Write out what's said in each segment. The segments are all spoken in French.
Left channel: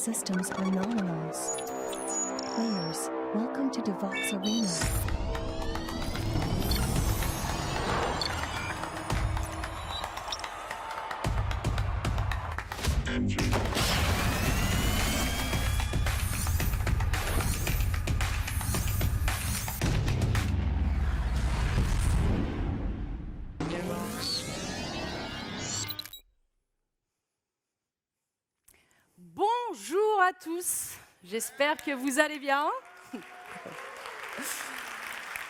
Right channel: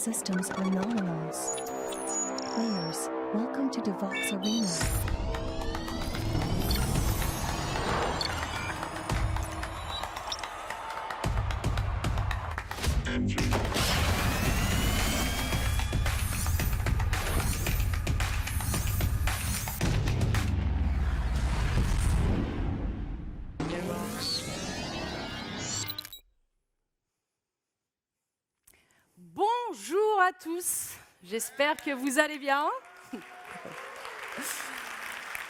systems are nominals. Players, welcome to Devox Arena. Bonjour à tous, j'espère que vous allez bien.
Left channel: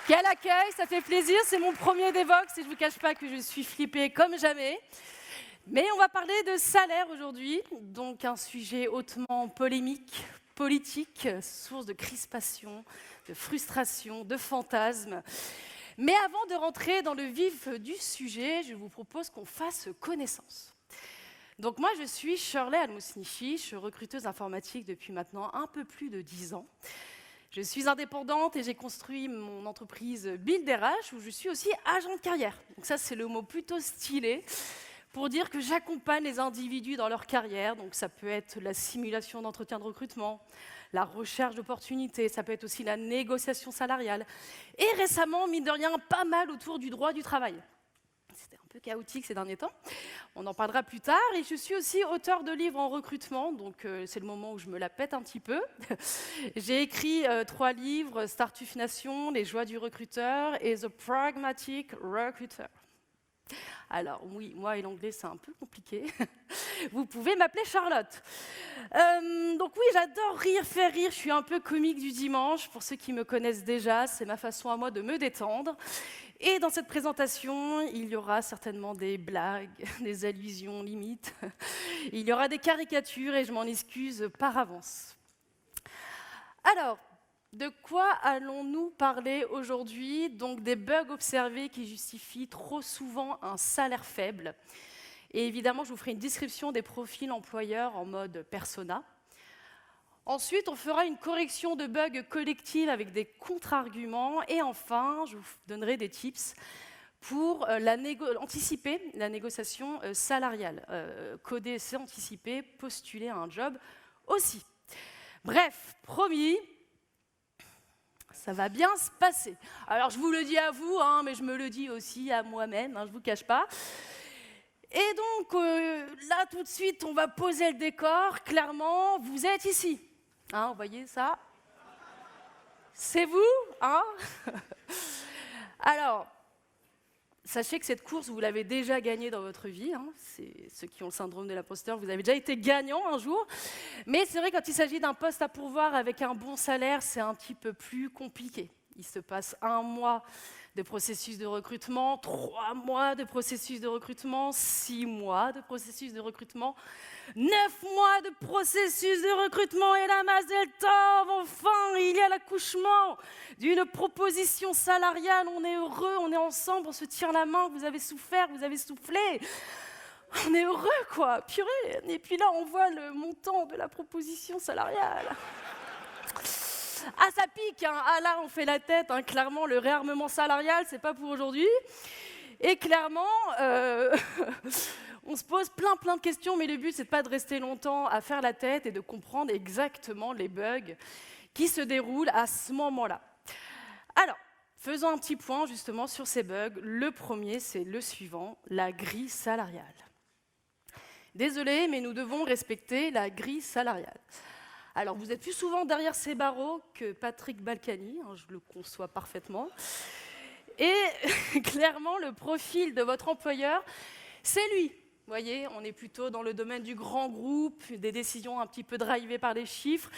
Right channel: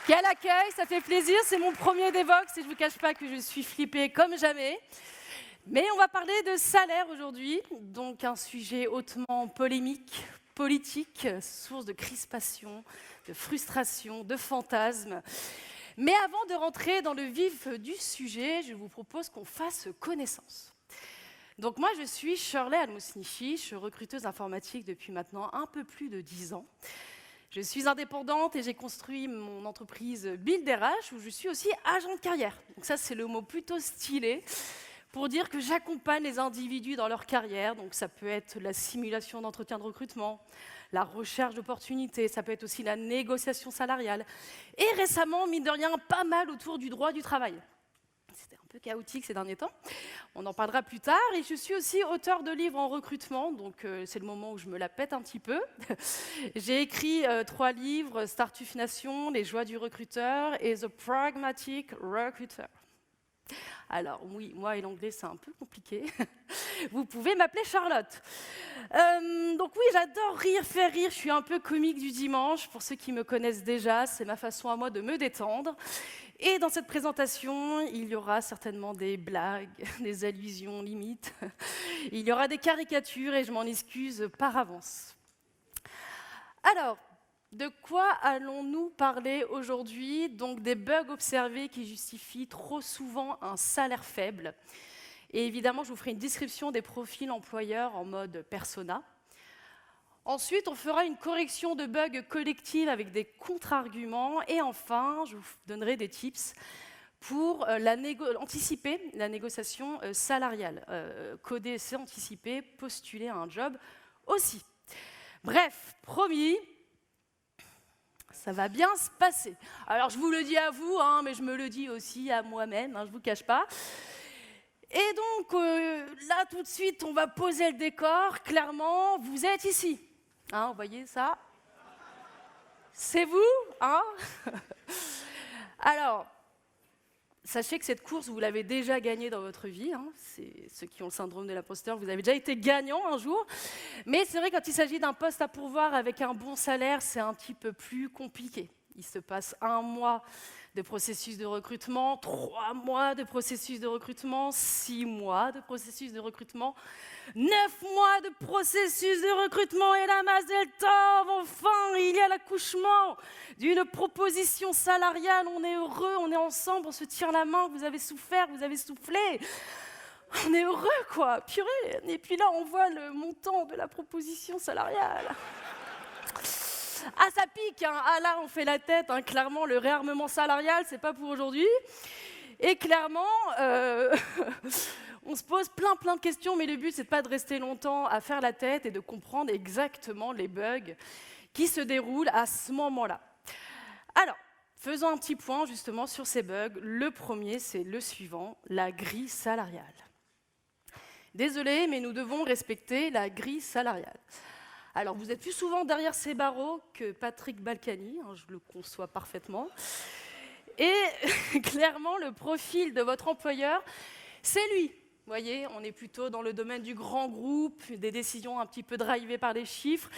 Quel accueil, ça fait plaisir, c'est mon premier Devox et je ne vous cache pas que je suis flippée comme jamais. Mais on va parler de salaire aujourd'hui, donc un sujet hautement polémique, politique, source de crispation, de frustration, de fantasmes. Mais avant de rentrer dans le vif du sujet, je vous propose qu'on fasse connaissance. Donc moi, je suis Shirley Almosnichi, je suis recruteuse informatique depuis maintenant un peu plus de 10 ans. Je suis indépendante et j'ai construit mon entreprise Build RH où je suis aussi agent de carrière. Donc ça, c'est le mot plutôt stylé pour dire que j'accompagne les individus dans leur carrière. Donc ça peut être la simulation d'entretien de recrutement, la recherche d'opportunités, ça peut être aussi la négociation salariale. Et récemment, mine de rien, pas mal autour du droit du travail. C'était un peu chaotique ces derniers temps. On en parlera plus tard. Et je suis aussi auteure de livres en recrutement, donc c'est le moment où je me la pète un petit peu. J'ai écrit 3 livres, Startup Nation, Les joies du recruteur et The Pragmatic Recruiter. Alors oui, moi et l'anglais c'est un peu compliqué. Vous pouvez m'appeler Charlotte. Donc oui, j'adore rire, faire rire. Je suis un peu comique du dimanche. Pour ceux qui me connaissent déjà, c'est ma façon à moi de me détendre. Et dans cette présentation, il y aura certainement des blagues, des allusions limites. Il y aura des caricatures et je m'en excuse par avance. Alors, de quoi allons-nous parler aujourd'hui? Donc des bugs observés qui justifient trop souvent un salaire faible. Et évidemment, je vous ferai une description des profils employeurs en mode persona. Ensuite, on fera une correction de bugs collective avec des contre-arguments. Et enfin, je vous donnerai des tips pour anticiper la négociation salariale. Coder, c'est anticiper, postuler à un job aussi. Bref, promis, ça va bien se passer. Alors, je vous le dis à vous, mais je me le dis aussi à moi-même, je ne vous cache pas. Et donc, là, tout de suite, on va poser le décor. Clairement, vous êtes ici. Vous voyez ça? C'est vous, Alors, sachez que cette course, vous l'avez déjà gagnée dans votre vie. C'est ceux qui ont le syndrome de l'imposteur, vous avez déjà été gagnant un jour. Mais c'est vrai, quand il s'agit d'un poste à pourvoir avec un bon salaire, c'est un petit peu plus compliqué. Il se passe 1 mois de processus de recrutement, 3 mois de processus de recrutement, 6 mois de processus de recrutement, 9 mois de processus de recrutement et la Mazel Tov, enfin, il y a l'accouchement d'une proposition salariale. On est heureux, on est ensemble, on se tire la main, vous avez souffert, vous avez soufflé. On est heureux, quoi, purée. Et puis là, on voit le montant de la proposition salariale. Ça pique, là, on fait la tête, clairement, le réarmement salarial, c'est pas pour aujourd'hui. Et clairement, on se pose plein de questions, mais le but, c'est pas de rester longtemps à faire la tête et de comprendre exactement les bugs qui se déroulent à ce moment-là. Alors, faisons un petit point justement sur ces bugs. Le premier, c'est le suivant, la grille salariale. Désolé, mais nous devons respecter la grille salariale. Alors, vous êtes plus souvent derrière ces barreaux que Patrick Balkany, je le conçois parfaitement. Et clairement, le profil de votre employeur, c'est lui. Vous voyez, on est plutôt dans le domaine du grand groupe, des décisions un petit peu drivées par les chiffres.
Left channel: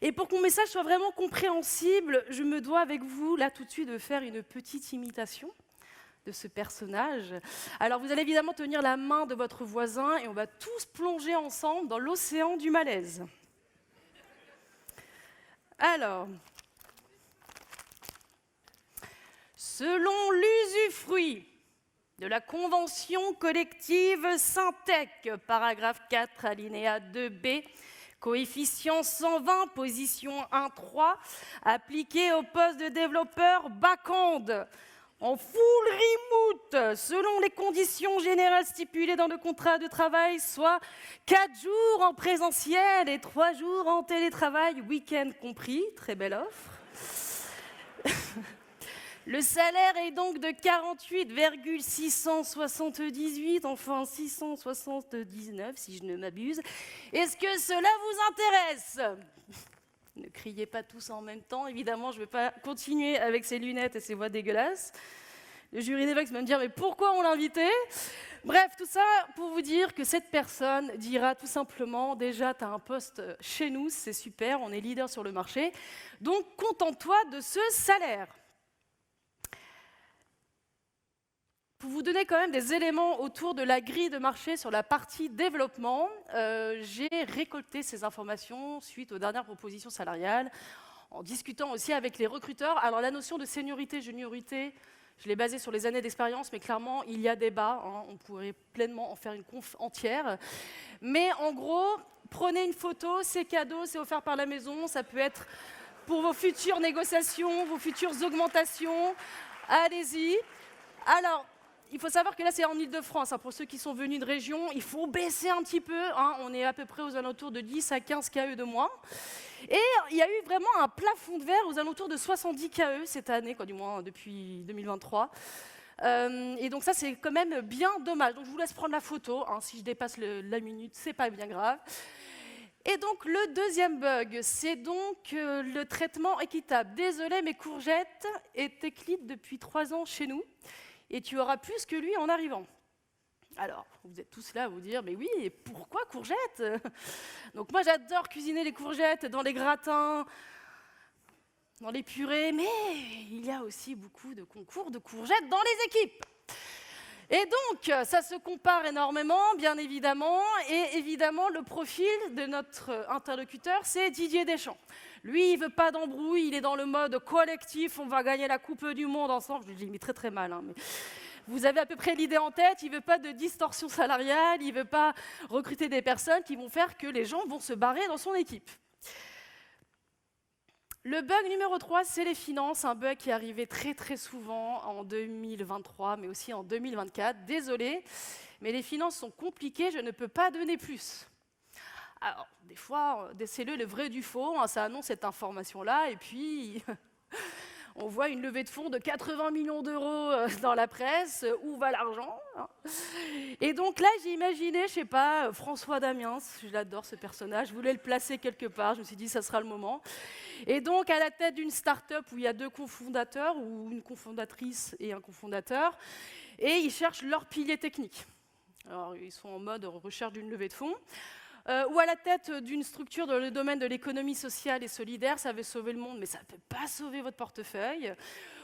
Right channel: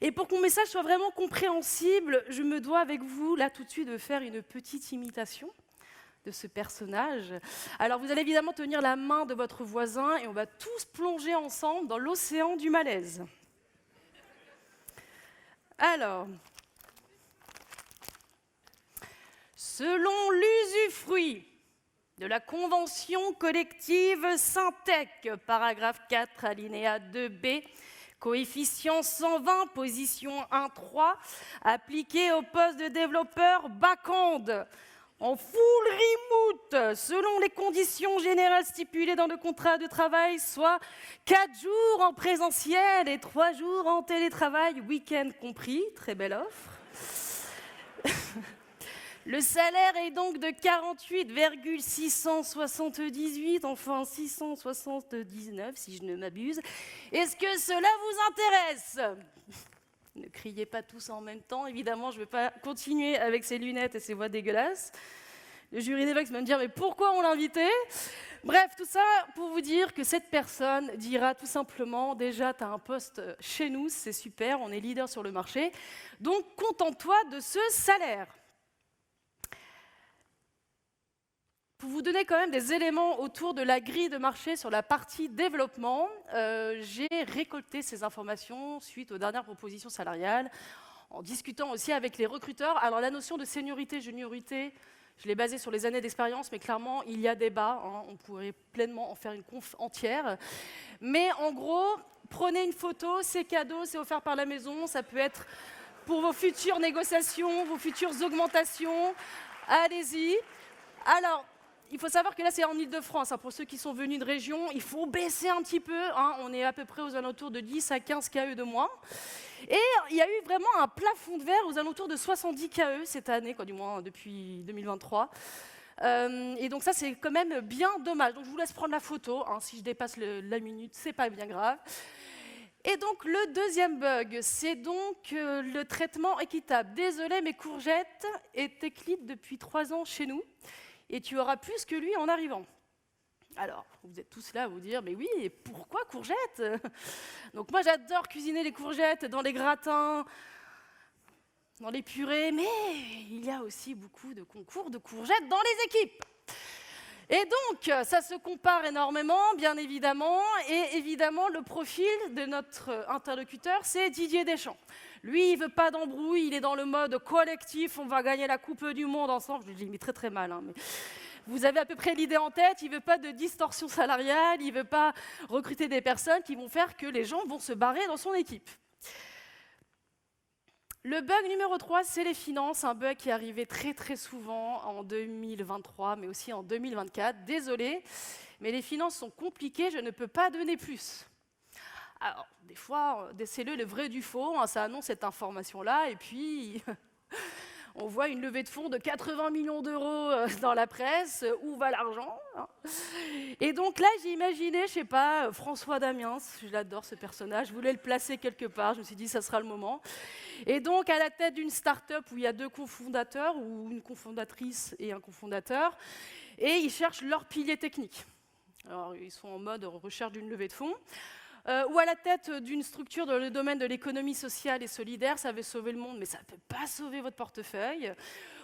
Et pour que mon message soit vraiment compréhensible, je me dois avec vous, là tout de suite, de faire une petite imitation de ce personnage. Alors, vous allez évidemment tenir la main de votre voisin et on va tous plonger ensemble dans l'océan du malaise. Alors, selon l'usufruit de la convention collective Syntec, paragraphe 4, alinéa 2b, coefficient 120, position 1.3, appliqué au poste de développeur back-end. en full remote, selon les conditions générales stipulées dans le contrat de travail, soit 4 jours en présentiel et 3 jours en télétravail, week-end compris. Très belle offre. Le salaire est donc de 48,678, enfin 679 si je ne m'abuse. Est-ce que cela vous intéresse ? Ne criez pas tous en même temps, évidemment, je ne vais pas continuer avec ces lunettes et ces voix dégueulasses. Le jury d'évoque va me dire, mais pourquoi on l'a invité ? Bref, tout ça pour vous dire que cette personne dira tout simplement, déjà, tu as un poste chez nous, c'est super, on est leader sur le marché, donc contente-toi de ce salaire. Pour vous donner quand même des éléments autour de la grille de marché sur la partie développement, j'ai récolté ces informations suite aux dernières propositions salariales, en discutant aussi avec les recruteurs. Alors la notion de seniorité, juniorité, je l'ai basée sur les années d'expérience, mais clairement, il y a débat, hein, on pourrait pleinement en faire une conf entière. Mais en gros, prenez une photo, c'est cadeau, c'est offert par la maison, ça peut être pour vos futures négociations, vos futures augmentations, allez-y. Alors, il faut savoir que là, c'est en Ile-de-France. Hein. Pour ceux qui sont venus de région, il faut baisser un petit peu. Hein. On est à peu près aux alentours de 10 à 15 KE de moins. Et il y a eu vraiment un plafond de verre aux alentours de 70 KE cette année, quoi, du moins depuis 2023. Et donc ça, c'est quand même bien dommage. Donc je vous laisse prendre la photo. Hein. Si je dépasse la minute, c'est pas bien grave. Et donc le deuxième bug, c'est donc le traitement équitable. Désolé, mes courgettes est tech lead depuis 3 ans chez nous. Et tu auras plus que lui en arrivant. Alors, vous êtes tous là à vous dire, mais oui, et pourquoi courgettes ? Donc moi, j'adore cuisiner les courgettes dans les gratins, dans les purées, mais il y a aussi beaucoup de concours de courgettes dans les équipes. Et donc, ça se compare énormément, bien évidemment, et évidemment, le profil de notre interlocuteur, c'est Didier Deschamps. Lui, il ne veut pas d'embrouille, il est dans le mode collectif, on va gagner la Coupe du Monde ensemble. Je le dis, mais très très mal. Hein, mais vous avez à peu près l'idée en tête, il ne veut pas de distorsion salariale, il ne veut pas recruter des personnes qui vont faire que les gens vont se barrer dans son équipe. Le bug numéro 3, c'est les finances, un bug qui est arrivé très très souvent en 2023, mais aussi en 2024. Désolé, mais les finances sont compliquées, je ne peux pas donner plus. Alors, des fois, déceler le vrai du faux, hein, ça annonce cette information-là, et puis on voit une levée de fonds de 80 millions d'euros dans la presse, où va l'argent hein. Et donc là, j'ai imaginé, je ne sais pas, François Damiens, j'adore ce personnage, je voulais le placer quelque part, je me suis dit, ça sera le moment. Et donc, à la tête d'une start-up où il y a 2 cofondateurs, ou une cofondatrice et un cofondateur, et ils cherchent leur pilier technique. Alors, ils sont en mode recherche d'une levée de fonds. Ou à la tête d'une structure dans le domaine de l'économie sociale et solidaire, ça veut sauver le monde, mais ça ne peut pas sauver votre portefeuille.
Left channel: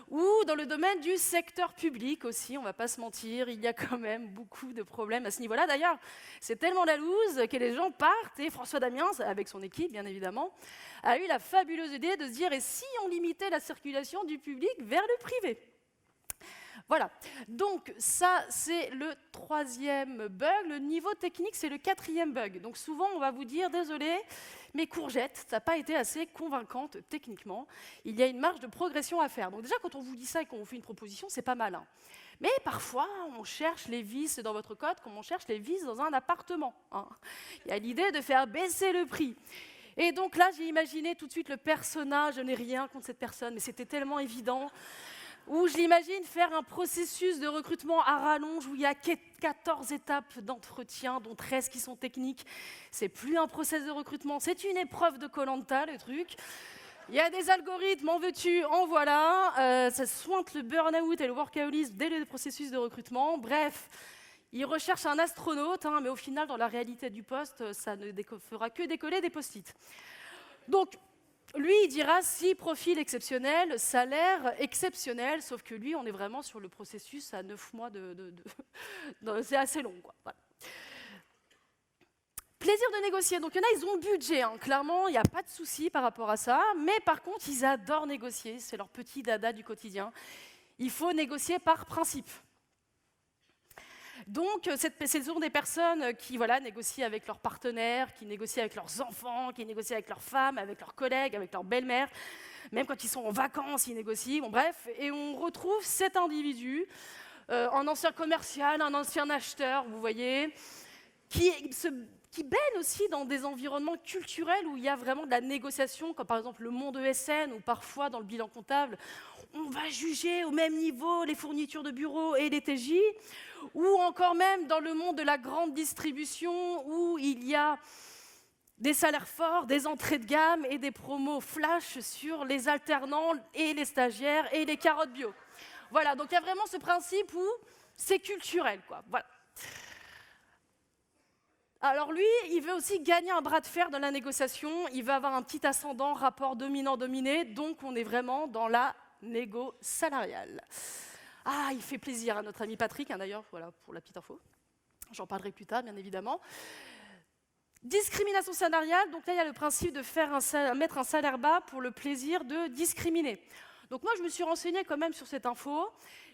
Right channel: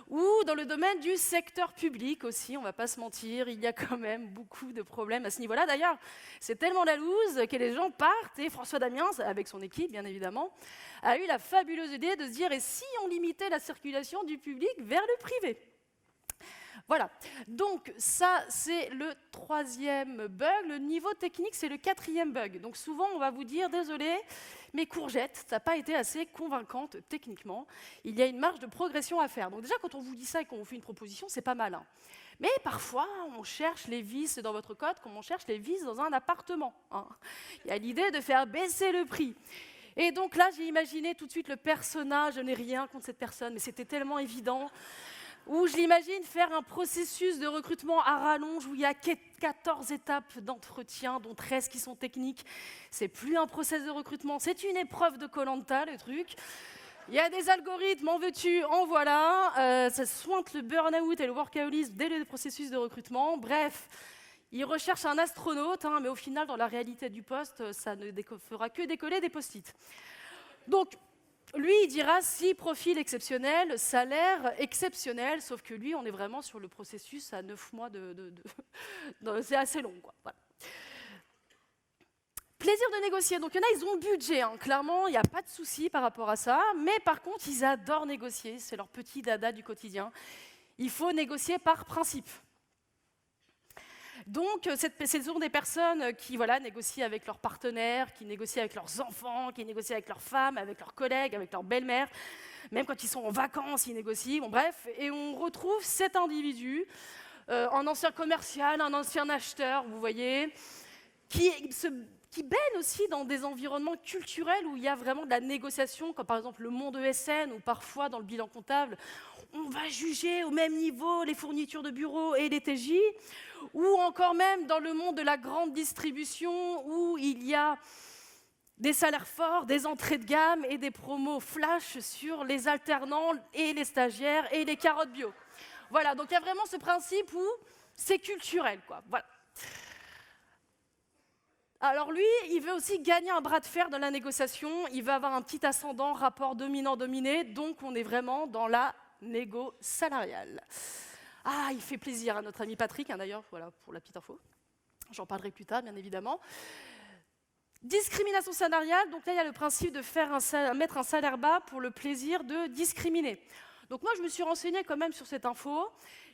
Ou dans le domaine du secteur public aussi, on ne va pas se mentir, il y a quand même beaucoup de problèmes à ce niveau-là. D'ailleurs, c'est tellement la loose que les gens partent, et François Damiens, avec son équipe bien évidemment, a eu la fabuleuse idée de se dire, et si on limitait la circulation du public vers le privé ? Voilà, donc ça c'est le 3e bug, le niveau technique c'est le 4e bug. Donc souvent on va vous dire, désolé, mes courgettes, ça n'a pas été assez convaincante techniquement, il y a une marge de progression à faire. Donc déjà quand on vous dit ça et qu'on vous fait une proposition, c'est pas mal. Hein. Mais parfois on cherche les vis dans votre code comme on cherche les vis dans un appartement. Hein. Il y a l'idée de faire baisser le prix. Et donc là j'ai imaginé tout de suite le personnage, je n'ai rien contre cette personne, mais c'était tellement évident. Où je l'imagine faire un processus de recrutement à rallonge où il y a 14 étapes d'entretien, dont 13 qui sont techniques. C'est plus un process de recrutement, c'est une épreuve de Koh-Lanta, le truc. Il y a des algorithmes, en veux-tu, en voilà. Ça sointe le burn-out et le workaholisme dès le processus de recrutement. Bref, ils recherchent un astronaute, hein, mais au final, dans la réalité du poste, ça ne fera que décoller des post-it. Donc, lui, il dira si profil exceptionnel, salaire exceptionnel, sauf que lui, on est vraiment sur le processus à 9 mois c'est assez long, quoi. Voilà. Plaisir de négocier. Donc, il y en a, ils ont le budget. Hein. Clairement, il n'y a pas de souci par rapport à ça. Mais par contre, ils adorent négocier. C'est leur petit dada du quotidien. Il faut négocier par principe. Donc, ce sont des personnes qui négocient avec leurs partenaires, qui négocient avec leurs enfants, qui négocient avec leurs femmes, avec leurs collègues, avec leur belle-mère. Même quand ils sont en vacances, ils négocient. Bon, bref, et on retrouve cet individu, un ancien commercial, un ancien acheteur, vous voyez, qui baigne aussi dans des environnements culturels où il y a vraiment de la négociation, comme par exemple le monde ESN, ou parfois dans le bilan comptable, on va juger au même niveau les fournitures de bureau et les TJ, ou encore même dans le monde de la grande distribution où il y a des salaires forts, des entrées de gamme et des promos flash sur les alternants et les stagiaires et les carottes bio. Voilà, donc il y a vraiment ce principe où c'est culturel, quoi. Voilà. Alors lui, il veut aussi gagner un bras de fer dans la négociation, il va avoir un petit ascendant, rapport dominant-dominé, donc on est vraiment dans la négo salariale. Ah, il fait plaisir à notre ami Patrick, hein, d'ailleurs, voilà, pour la petite info. J'en parlerai plus tard, bien évidemment. Discrimination salariale, donc là, il y a le principe de mettre un salaire bas pour le plaisir de discriminer. Donc moi, je me suis renseignée quand même sur cette info,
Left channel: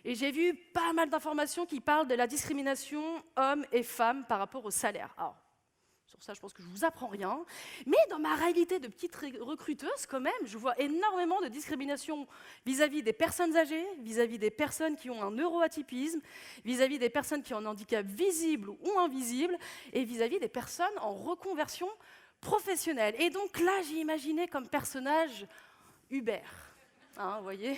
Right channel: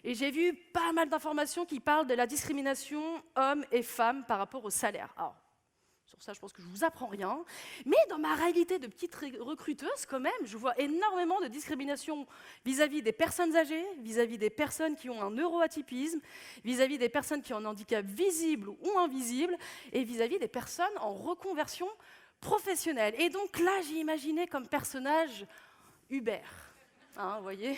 et j'ai vu pas mal d'informations qui parlent de la discrimination hommes et femmes par rapport au salaire. Alors, sur ça, je pense que je ne vous apprends rien. Mais dans ma réalité de petite recruteuse, quand même, je vois énormément de discrimination vis-à-vis des personnes âgées, vis-à-vis des personnes qui ont un neuroatypisme, vis-à-vis des personnes qui ont un handicap visible ou invisible, et vis-à-vis des personnes en reconversion professionnelle. Et donc là, j'ai imaginé comme personnage Hubert. Hein, vous voyez ?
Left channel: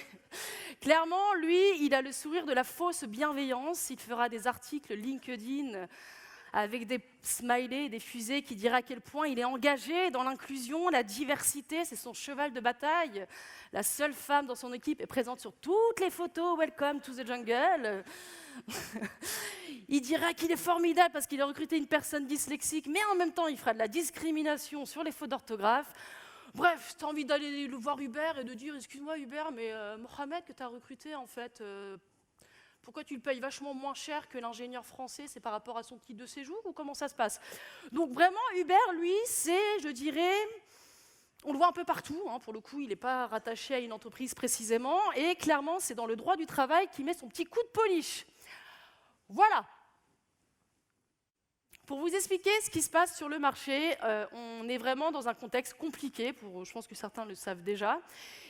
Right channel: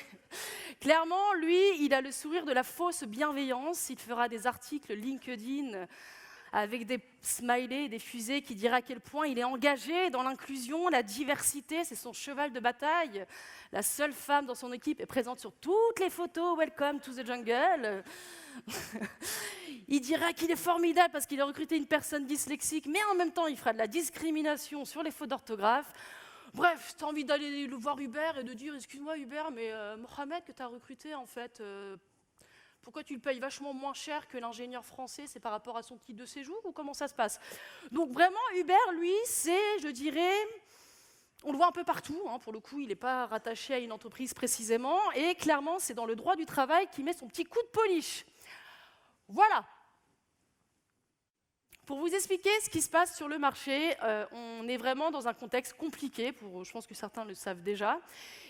Clairement, lui, il a le sourire de la fausse bienveillance. Il fera des articles LinkedIn avec des smileys et des fusées qui diraient à quel point il est engagé dans l'inclusion, la diversité, c'est son cheval de bataille. La seule femme dans son équipe est présente sur toutes les photos « Welcome to the jungle ». Il dira qu'il est formidable parce qu'il a recruté une personne dyslexique, mais en même temps, il fera de la discrimination sur les fautes d'orthographe. Bref, tu as envie d'aller le voir Hubert et de dire « Excuse-moi Hubert, mais Mohamed que tu as recruté, en fait, pourquoi tu le payes vachement moins cher que l'ingénieur français? C'est par rapport à son titre de séjour ou comment ça se passe ?» Donc vraiment, Hubert, lui, c'est, je dirais, on le voit un peu partout, hein, pour le coup, il n'est pas rattaché à une entreprise précisément, et clairement, c'est dans le droit du travail qu'il met son petit coup de polish. Voilà. Pour vous expliquer ce qui se passe sur le marché, on est vraiment dans un contexte compliqué, je pense que certains le savent déjà.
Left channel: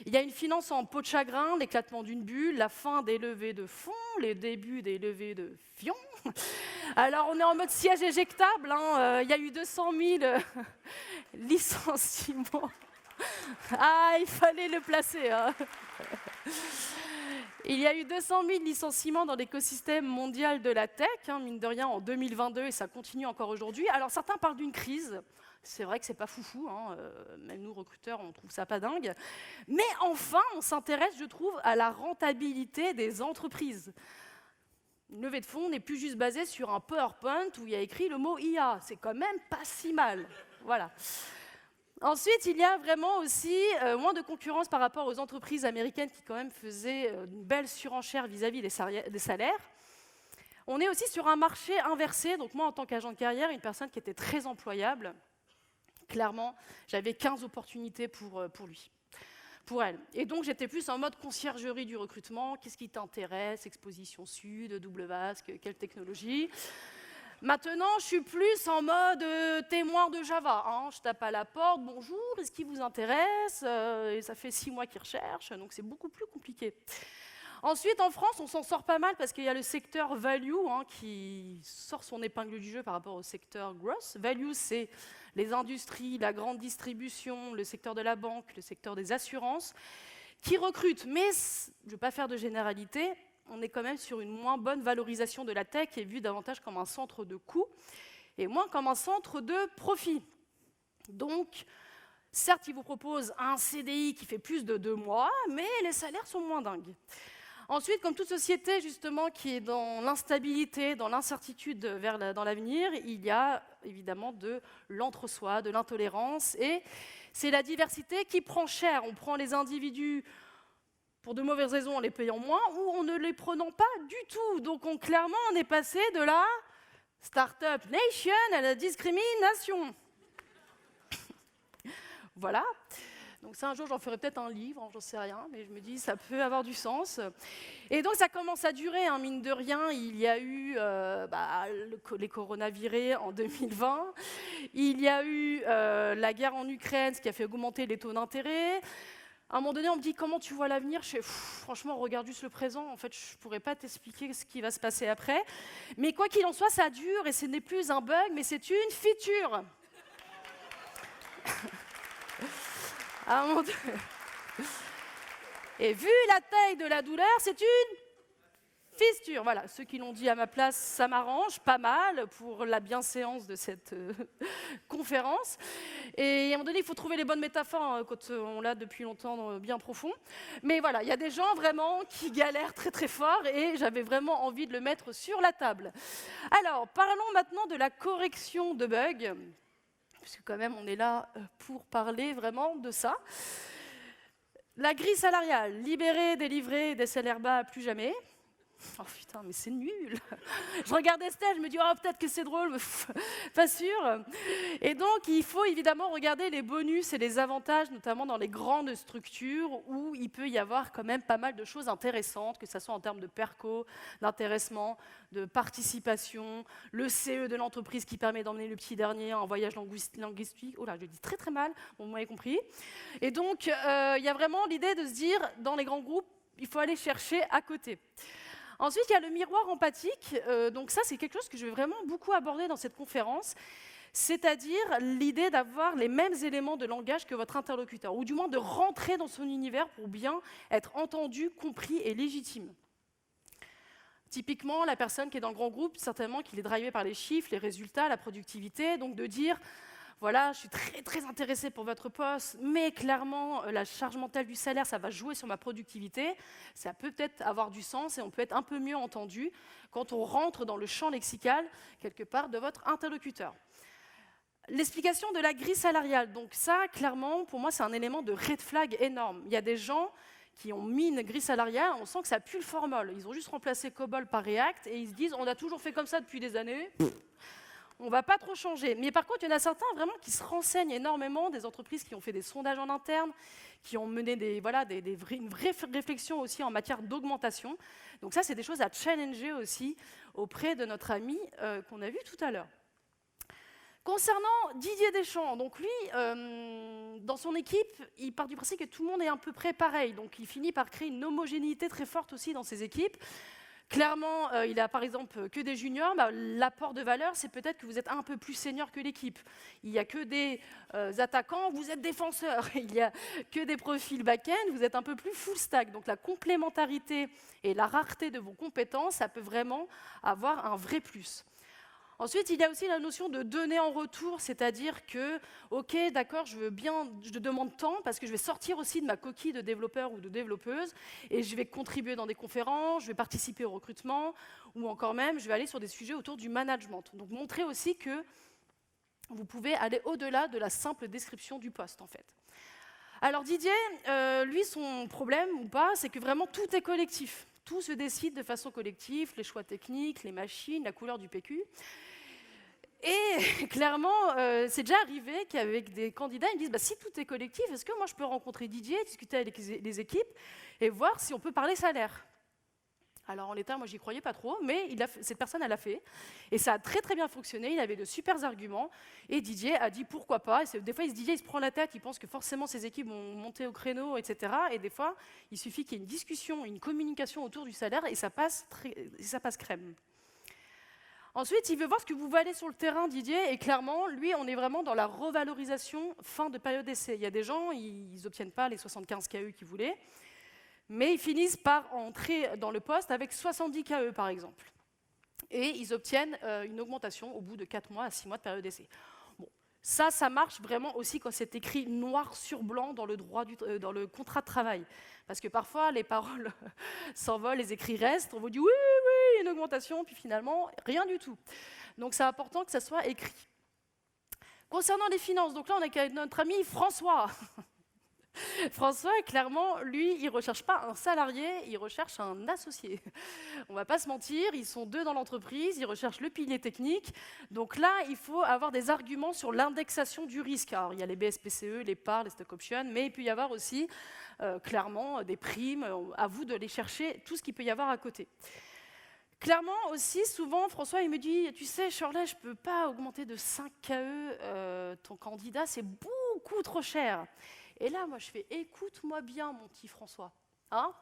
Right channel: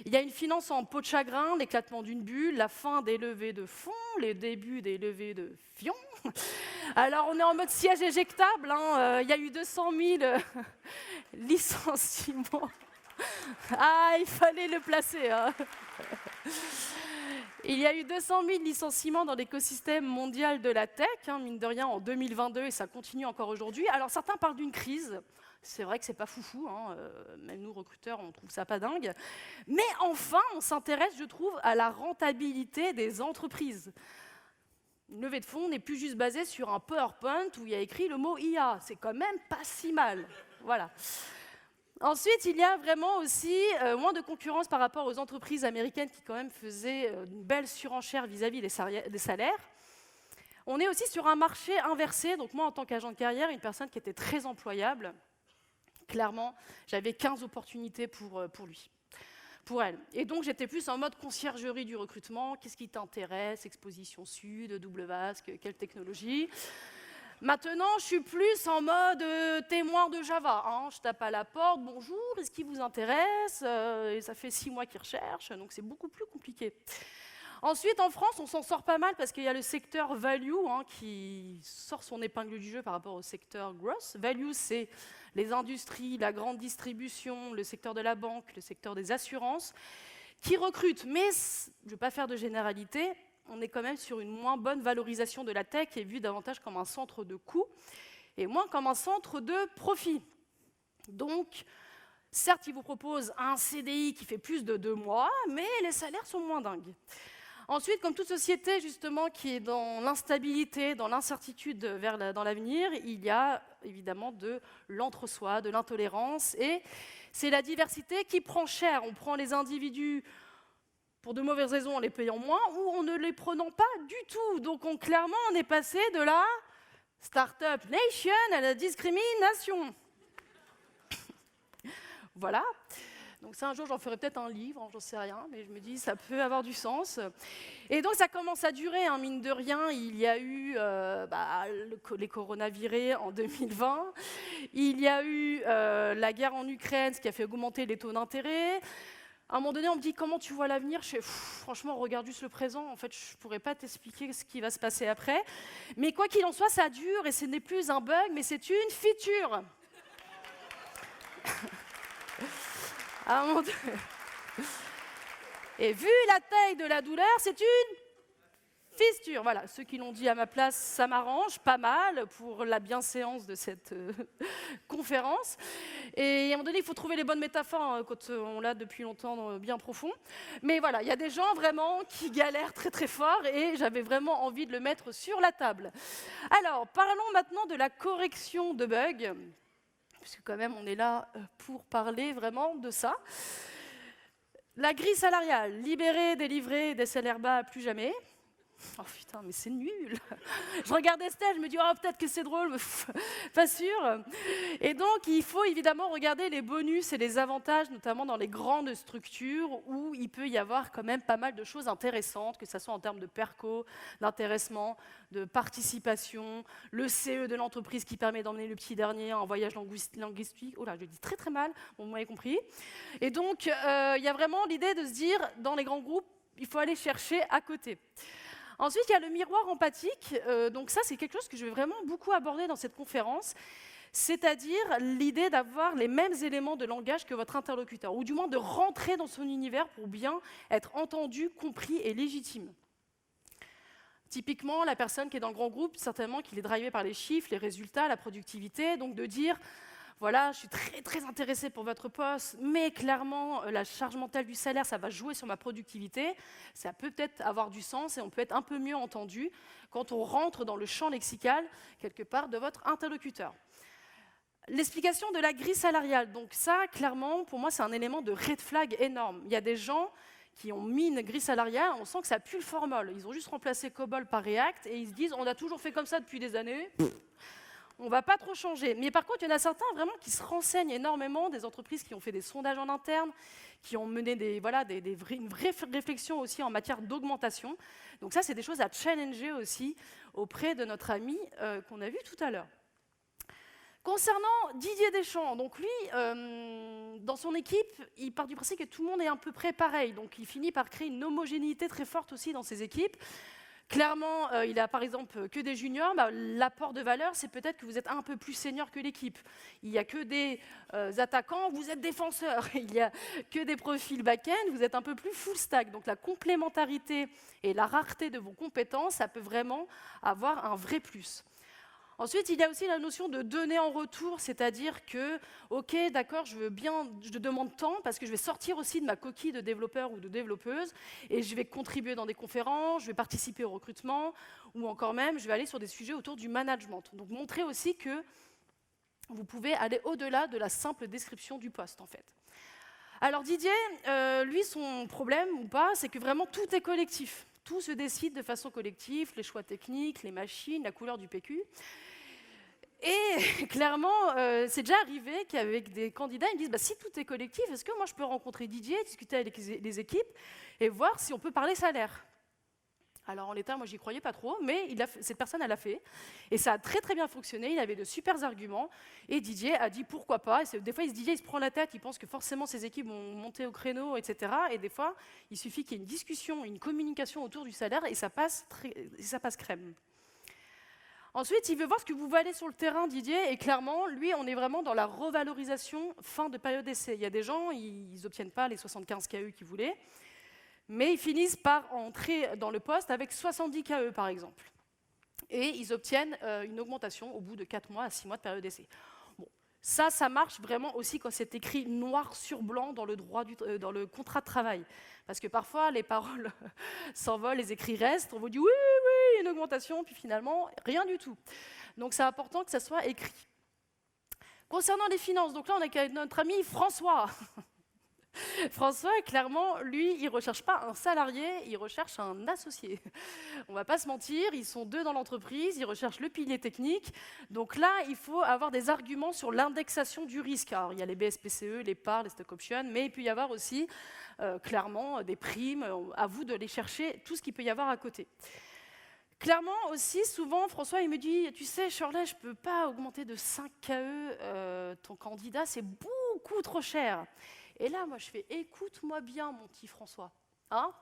Il y a une finance en peau de chagrin, l'éclatement d'une bulle, la fin des levées de fonds, les débuts des levées de fions. Alors on est en mode siège éjectable, hein, il y a eu 200 000 licenciements. Ah, il fallait le placer, hein. Il y a eu 200 000 licenciements dans l'écosystème mondial de la tech, hein, mine de rien, en 2022, et ça continue encore aujourd'hui. Alors, certains parlent d'une crise. C'est vrai que c'est pas foufou, hein, même nous, recruteurs, on trouve ça pas dingue. Mais enfin, on s'intéresse, je trouve, à la rentabilité des entreprises. Une levée de fonds n'est plus juste basée sur un PowerPoint où il y a écrit le mot IA. C'est quand même pas si mal. Voilà. Ensuite, il y a vraiment aussi moins de concurrence par rapport aux entreprises américaines qui quand même faisaient une belle surenchère vis-à-vis des salaires. On est aussi sur un marché inversé. Donc moi, en tant qu'agent de carrière, une personne qui était très employable, clairement, j'avais 15 opportunités pour lui, pour elle. Et donc, j'étais plus en mode conciergerie du recrutement. Qu'est-ce qui t'intéresse? Exposition Sud, double vasque, quelle technologie? Maintenant, je suis plus en mode témoin de Java. Hein. Je tape à la porte, bonjour, est-ce qu'il vous intéresse? Et ça fait 6 mois qu'ils recherchent, donc c'est beaucoup plus compliqué. Ensuite, en France, on s'en sort pas mal parce qu'il y a le secteur value, hein, qui sort son épingle du jeu par rapport au secteur growth. Value, c'est les industries, la grande distribution, le secteur de la banque, le secteur des assurances, qui recrutent. Mais je ne vais pas faire de généralité. On est quand même sur une moins bonne valorisation de la tech et vue davantage comme un centre de coût et moins comme un centre de profit. Donc, certes, ils vous proposent un CDI qui fait plus de 2 mois, mais les salaires sont moins dingues. Ensuite, comme toute société justement qui est dans l'instabilité, dans l'incertitude dans l'avenir, il y a évidemment de l'entre-soi, de l'intolérance, et c'est la diversité qui prend cher. On prend les individus pour de mauvaises raisons en les payant moins, ou en ne les prenant pas du tout. Donc clairement, on est passé de la Startup Nation à la discrimination. Voilà. Donc ça, un jour, j'en ferai peut-être un livre, j'en sais rien, mais je me dis, ça peut avoir du sens. Et donc, ça commence à durer, hein, mine de rien. Il y a eu les coronavirus en 2020. Il y a eu la guerre en Ukraine, ce qui a fait augmenter les taux d'intérêt. À un moment donné, on me dit comment tu vois l'avenir. Je fais franchement, regarde juste le présent. En fait, je ne pourrais pas t'expliquer ce qui va se passer après. Mais quoi qu'il en soit, ça dure et ce n'est plus un bug, mais c'est une feature. À un moment donné. Et vu la taille de la douleur, c'est une fissure. Voilà, ceux qui l'ont dit à ma place, ça m'arrange pas mal pour la bienséance de cette conférence. Et à un moment donné, il faut trouver les bonnes métaphores quand on l'a depuis longtemps bien profond. Mais voilà, il y a des gens vraiment qui galèrent très très fort et j'avais vraiment envie de le mettre sur la table. Alors, parlons maintenant de la correction de bugs, puisque quand même on est là pour parler vraiment de ça. La grille salariale, libérer, délivrer des salaires bas, plus jamais. Oh putain, mais c'est nul. Je regarde Estelle, je me dis, oh, peut-être que c'est drôle, mais pas sûr. Et donc, il faut évidemment regarder les bonus et les avantages, notamment dans les grandes structures où il peut y avoir quand même pas mal de choses intéressantes, que ce soit en termes de perco, d'intéressement, de participation, le CE de l'entreprise qui permet d'emmener le petit dernier en voyage linguistique. Oh là, je le dis très très mal, vous m'avez compris. Et donc, il y a vraiment l'idée de se dire, dans les grands groupes, il faut aller chercher à côté. Ensuite, il y a le miroir empathique. Donc ça, c'est quelque chose que je vais vraiment beaucoup aborder dans cette conférence, c'est-à-dire l'idée d'avoir les mêmes éléments de langage que votre interlocuteur, ou du moins de rentrer dans son univers pour bien être entendu, compris et légitime. Typiquement, la personne qui est dans le grand groupe, certainement qu'il est drivé par les chiffres, les résultats, la productivité, donc de dire... Voilà, je suis très, très intéressée pour votre poste, mais clairement, la charge mentale du salaire, ça va jouer sur ma productivité. Ça peut peut-être avoir du sens et on peut être un peu mieux entendu quand on rentre dans le champ lexical, quelque part, de votre interlocuteur. L'explication de la grille salariale. Donc ça, clairement, pour moi, c'est un élément de red flag énorme. Il y a des gens qui ont mis une grille salariale, on sent que ça pue le formol. Ils ont juste remplacé COBOL par React et ils se disent, on a toujours fait comme ça depuis des années. On ne va pas trop changer. Mais par contre, il y en a certains vraiment qui se renseignent énormément, des entreprises qui ont fait des sondages en interne, qui ont mené une vraie réflexion aussi en matière d'augmentation. Donc ça, c'est des choses à challenger aussi auprès de notre ami qu'on a vu tout à l'heure. Concernant Didier Deschamps, donc lui, dans son équipe, il part du principe que tout le monde est à peu près pareil. Donc il finit par créer une homogénéité très forte aussi dans ses équipes. Clairement, il a par exemple que des juniors, l'apport de valeur, c'est peut-être que vous êtes un peu plus senior que l'équipe. Il n'y a que des attaquants, vous êtes défenseurs. Il n'y a que des profils back-end, vous êtes un peu plus full stack. Donc la complémentarité et la rareté de vos compétences, ça peut vraiment avoir un vrai plus. Ensuite, il y a aussi la notion de donner en retour, c'est-à-dire que, ok, d'accord, je demande tant parce que je vais sortir aussi de ma coquille de développeur ou de développeuse et je vais contribuer dans des conférences, je vais participer au recrutement ou encore même, je vais aller sur des sujets autour du management. Donc, montrer aussi que vous pouvez aller au-delà de la simple description du poste, en fait. Alors, Didier, lui, son problème ou pas, c'est que vraiment tout est collectif. Tout se décide de façon collective, les choix techniques, les machines, la couleur du PQ. Et clairement, c'est déjà arrivé qu'avec des candidats, ils me disent si tout est collectif, est-ce que moi je peux rencontrer Didier, discuter avec les équipes et voir si on peut parler salaire? Alors en l'état, moi j'y croyais pas trop, mais cette personne elle l'a fait et ça a très très bien fonctionné. Il avait de super arguments et Didier a dit pourquoi pas. Et des fois Didier il se prend la tête, il pense que forcément ses équipes vont monter au créneau, etc. Et des fois il suffit qu'il y ait une discussion, une communication autour du salaire et ça passe crème. Ensuite, il veut voir ce que vous valez sur le terrain, Didier, et clairement, lui, on est vraiment dans la revalorisation fin de période d'essai. Il y a des gens, ils n'obtiennent pas les 75 KE qu'ils voulaient, mais ils finissent par entrer dans le poste avec 70 KE, par exemple. Et ils obtiennent une augmentation au bout de 4 mois à 6 mois de période d'essai. Bon, ça marche vraiment aussi quand c'est écrit noir sur blanc dans le contrat de travail. Parce que parfois, les paroles s'envolent, les écrits restent, on vous dit oui, une augmentation, puis finalement, rien du tout. Donc c'est important que ça soit écrit. Concernant les finances, donc là on est avec notre ami François. François, clairement, lui, il ne recherche pas un salarié, il recherche un associé. On ne va pas se mentir, ils sont 2 dans l'entreprise, ils recherchent le pilier technique. Donc là, il faut avoir des arguments sur l'indexation du risque. Alors, il y a les BSPCE, les parts, les stock options, mais il peut y avoir aussi, clairement, des primes. À vous de les chercher, tout ce qu'il peut y avoir à côté. Clairement aussi, souvent, François, il me dit, tu sais, Shirley, je ne peux pas augmenter de 5 KE ton candidat, c'est beaucoup trop cher. Et là, moi, je fais « Écoute-moi bien, mon petit François. Hein,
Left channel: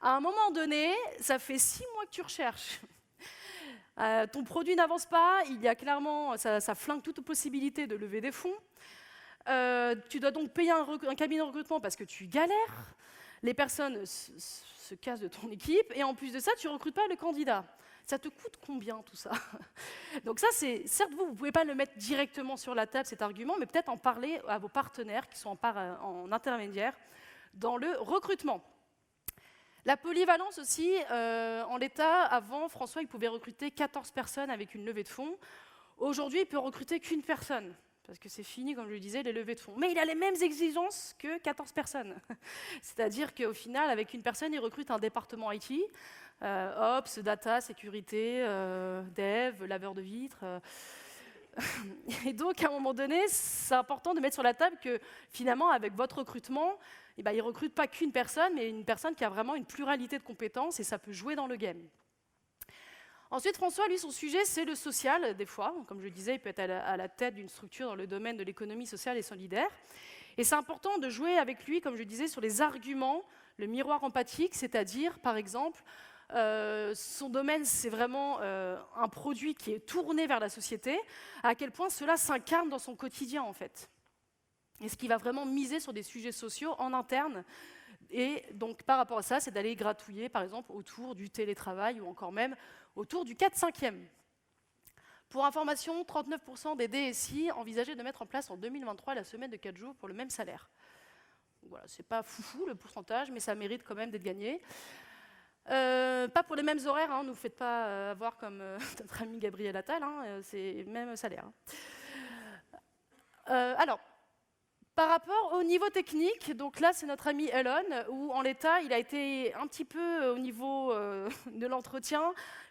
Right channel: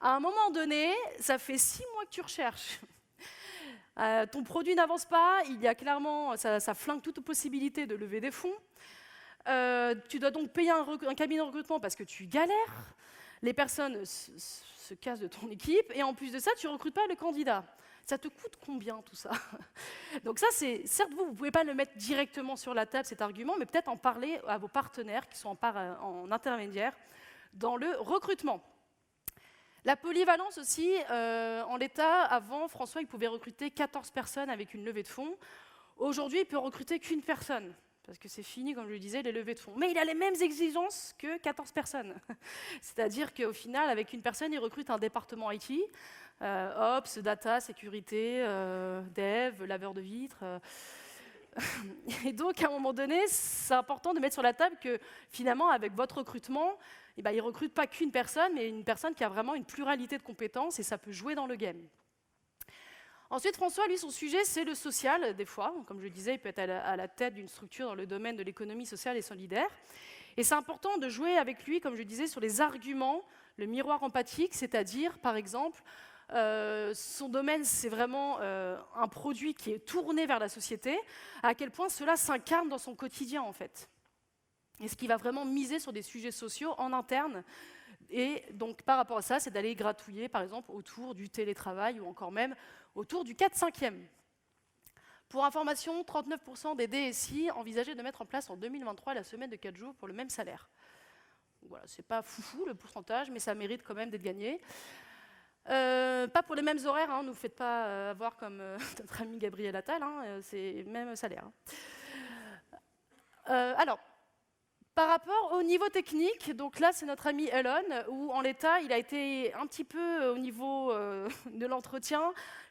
à un moment donné, ça fait 6 mois que tu recherches. Ton produit n'avance pas, il y a clairement, ça flingue toute possibilité de lever des fonds. Tu dois donc payer un cabinet de recrutement parce que tu galères. Les personnes se cassent de ton équipe et en plus de ça, tu ne recrutes pas le candidat. Ça te coûte combien tout ça? Donc ça, c'est certes, vous ne pouvez pas le mettre directement sur la table, cet argument, mais peut-être en parler à vos partenaires qui sont en intermédiaire dans le recrutement. La polyvalence aussi, en l'état, avant, François, il pouvait recruter 14 personnes avec une levée de fonds. Aujourd'hui, il ne peut recruter qu'une personne, parce que c'est fini, comme je le disais, les levées de fonds. Mais il a les mêmes exigences que 14 personnes. C'est-à-dire qu'au final, avec une personne, il recrute un département IT, Ops, Data, Sécurité, Dev, laveur de vitres. Et donc, à un moment donné, c'est important de mettre sur la table que, finalement, avec votre recrutement, eh ben, il ne recrute pas qu'une personne, mais une personne qui a vraiment une pluralité de compétences, et ça peut jouer dans le game. Ensuite, François, lui, son sujet, c'est le social, des fois. Comme je le disais, il peut être à la tête d'une structure dans le domaine de l'économie sociale et solidaire. Et c'est important de jouer avec lui, comme je le disais, sur les arguments, le miroir empathique, c'est-à-dire, par exemple, son domaine, c'est vraiment un produit qui est tourné vers la société, à quel point cela s'incarne dans son quotidien, en fait. Et ce qui va vraiment miser sur des sujets sociaux en interne. Et donc, par rapport à ça, c'est d'aller gratouiller, par exemple, autour du télétravail ou encore même autour du 4/5e. Pour information, 39% des DSI envisageaient de mettre en place en 2023 la semaine de 4 jours pour le même salaire. Donc voilà, c'est pas foufou le pourcentage, mais ça mérite quand même d'être gagné. Pas pour les mêmes horaires, hein, ne vous faites pas avoir comme notre ami Gabriel Attal, hein, c'est le même salaire. Alors, par rapport au niveau technique, donc là c'est notre ami Elon, où en l'état il a été un petit peu au niveau de l'entretien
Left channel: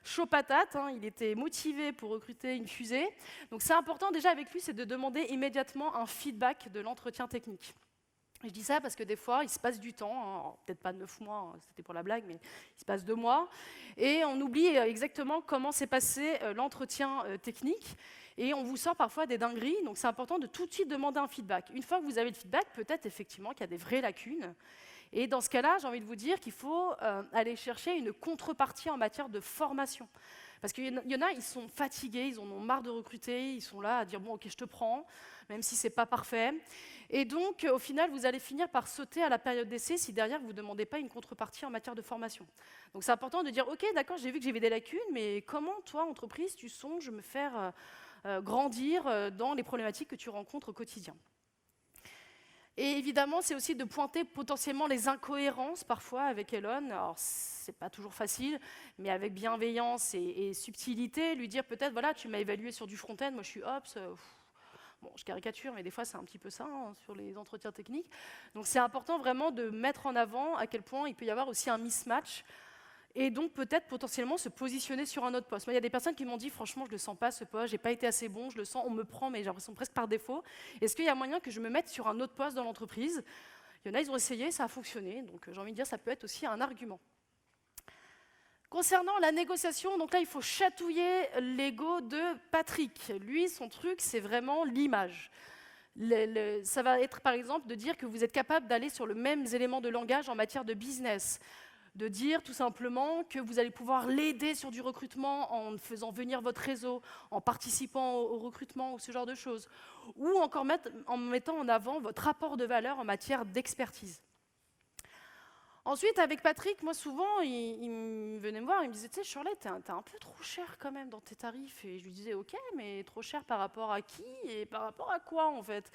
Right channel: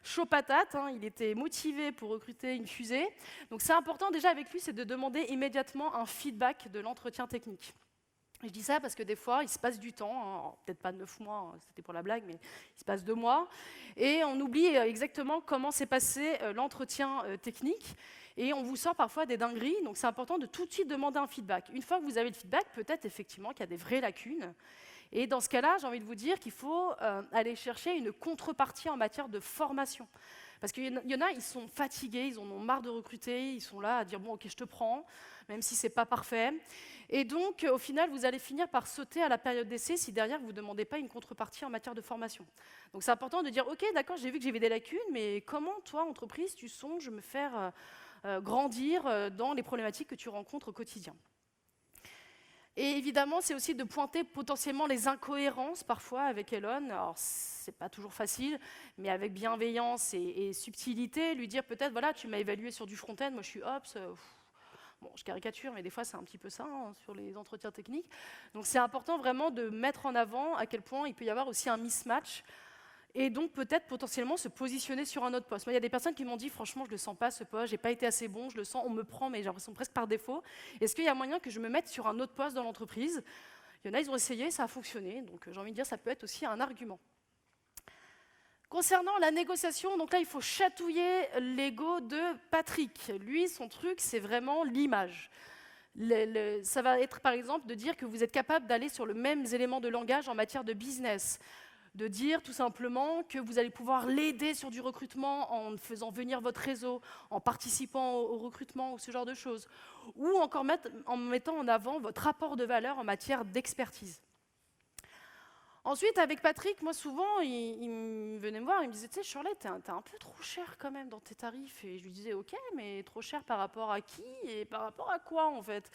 chaud patate, hein, il était motivé pour recruter une fusée. Donc c'est important déjà avec lui, c'est de demander immédiatement un feedback de l'entretien technique. Je dis ça parce que des fois, il se passe du temps, hein, peut-être pas 9 mois, c'était pour la blague, mais il se passe 2 mois, et on oublie exactement comment s'est passé l'entretien technique, et on vous sort parfois des dingueries, donc c'est important de tout de suite demander un feedback. Une fois que vous avez le feedback, peut-être effectivement qu'il y a des vraies lacunes, et dans ce cas-là, j'ai envie de vous dire qu'il faut aller chercher une contrepartie en matière de formation. Parce qu'il y en a, ils sont fatigués, ils en ont marre de recruter, ils sont là à dire « bon, ok, je te prends », même si ce n'est pas parfait. Et donc, au final, vous allez finir par sauter à la période d'essai si derrière, vous ne demandez pas une contrepartie en matière de formation. Donc, c'est important de dire « ok, d'accord, j'ai vu que j'avais des lacunes, mais comment, toi, entreprise, tu songes me faire grandir dans les problématiques que tu rencontres au quotidien ?» Et évidemment, c'est aussi de pointer potentiellement les incohérences parfois avec Elon. Alors, c'est pas toujours facile, mais avec bienveillance et subtilité, lui dire peut-être, voilà, tu m'as évalué sur du front-end, moi je suis Ops. Bon, je caricature, mais des fois c'est un petit peu ça, hein, sur les entretiens techniques. Donc c'est important vraiment de mettre en avant à quel point il peut y avoir aussi un mismatch, et donc peut-être potentiellement se positionner sur un autre poste. Moi, il y a des personnes qui m'ont dit, franchement, je ne le sens pas ce poste, j'ai pas été assez bon, je le sens, on me prend, mais j'ai l'impression presque par défaut. Est-ce qu'il y a moyen que je me mette sur un autre poste dans l'entreprise? Il y en a, ils ont essayé, ça a fonctionné, donc j'ai envie de dire, ça peut être aussi un argument. Concernant la négociation, donc là, il faut chatouiller l'ego de Patrick. Lui, son truc, c'est vraiment l'image. Ça va être, par exemple, de dire que vous êtes capable d'aller sur le même élément de langage en matière de business, de dire tout simplement que vous allez pouvoir l'aider sur du recrutement en faisant venir votre réseau, en participant au recrutement ou ce genre de choses, ou encore en mettant en avant votre rapport de valeur en matière d'expertise. Ensuite, avec Patrick, moi souvent, il venait me voir, il me disait, tu sais, Shirley, t'es un peu trop cher quand même dans tes tarifs. Et je lui disais, ok, mais trop cher par rapport à qui et par rapport à quoi en fait?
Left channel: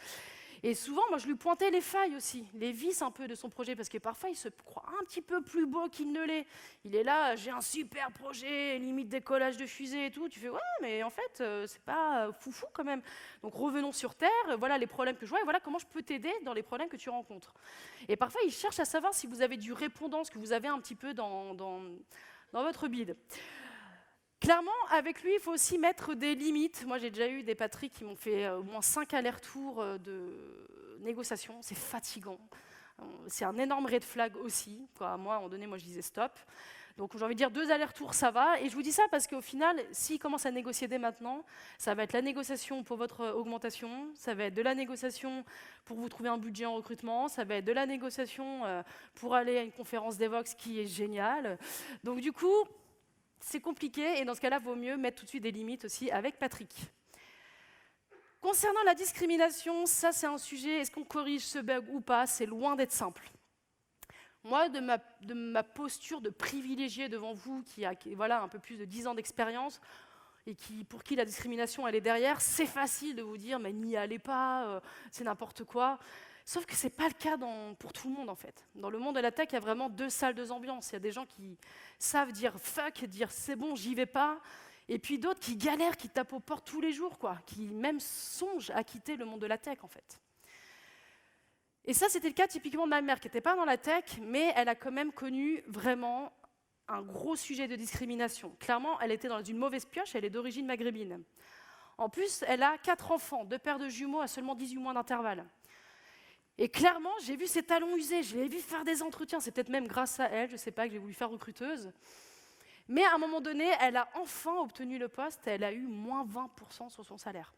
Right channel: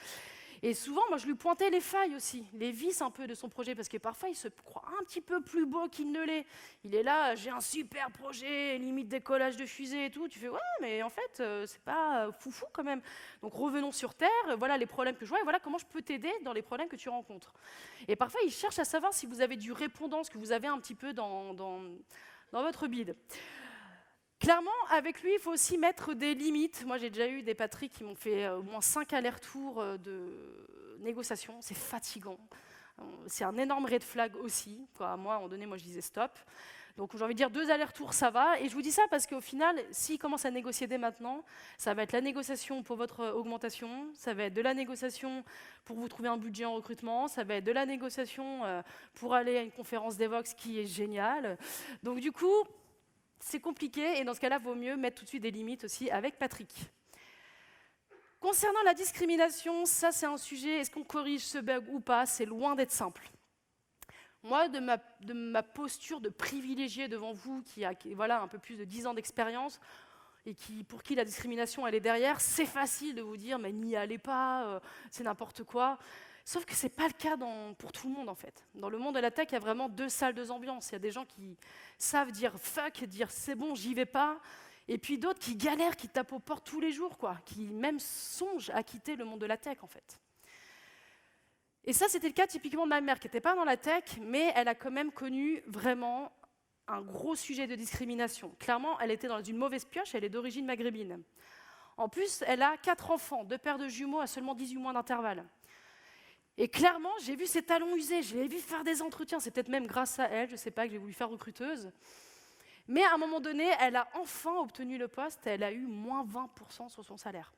Et souvent, moi, je lui pointais les failles aussi, les vices un peu de son projet, parce que parfois, il se croit un petit peu plus beau qu'il ne l'est. Il est là, j'ai un super projet, limite décollage de fusée et tout. Tu fais, ouais, mais en fait, c'est pas foufou quand même. Donc, revenons sur Terre, voilà les problèmes que je vois, et voilà comment je peux t'aider dans les problèmes que tu rencontres. Et parfois, il cherche à savoir si vous avez du répondant, ce que vous avez un petit peu dans votre bide. Clairement, avec lui, il faut aussi mettre des limites. Moi, j'ai déjà eu des Patrick qui m'ont fait au moins 5 allers-retours de négociation. C'est fatigant. C'est un énorme red flag aussi. Moi, à un moment donné, je disais stop. Donc j'ai envie de dire 2 allers-retours, ça va. Et je vous dis ça parce qu'au final, s'ils commencent à négocier dès maintenant, ça va être la négociation pour votre augmentation, ça va être de la négociation pour vous trouver un budget en recrutement, ça va être de la négociation pour aller à une conférence d'Evox qui est géniale. Donc du coup, c'est compliqué et dans ce cas-là, il vaut mieux mettre tout de suite des limites aussi avec Patrick. Concernant la discrimination, ça c'est un sujet, est-ce qu'on corrige ce bug ou pas? C'est loin d'être simple. Moi, de ma posture de privilégié devant vous, qui a voilà, un peu plus de 10 ans d'expérience, et pour qui la discrimination elle est derrière, c'est facile de vous dire mais n'y allez pas, c'est n'importe quoi. Sauf que ce n'est pas le cas pour tout le monde en fait. Dans le monde de la tech, il y a vraiment 2 salles, 2 ambiances. Il y a des gens qui savent dire fuck, dire c'est bon, j'y vais pas. Et puis d'autres qui galèrent, qui tapent aux portes tous les jours, quoi, qui même songent à quitter le monde de la tech en fait. Et ça, c'était le cas typiquement de ma mère, qui n'était pas dans la tech, mais elle a quand même connu vraiment un gros sujet de discrimination. Clairement, elle était dans une mauvaise pioche, elle est d'origine maghrébine. En plus, elle a 4 enfants, 2 paires de jumeaux à seulement 18 mois d'intervalle. Et clairement, j'ai vu ses talons usés, je l'ai vu faire des entretiens, c'est peut-être même grâce à elle, je ne sais pas, que j'ai voulu faire recruteuse. Mais à un moment donné, elle a enfin obtenu le poste, elle a eu moins 20% sur son salaire.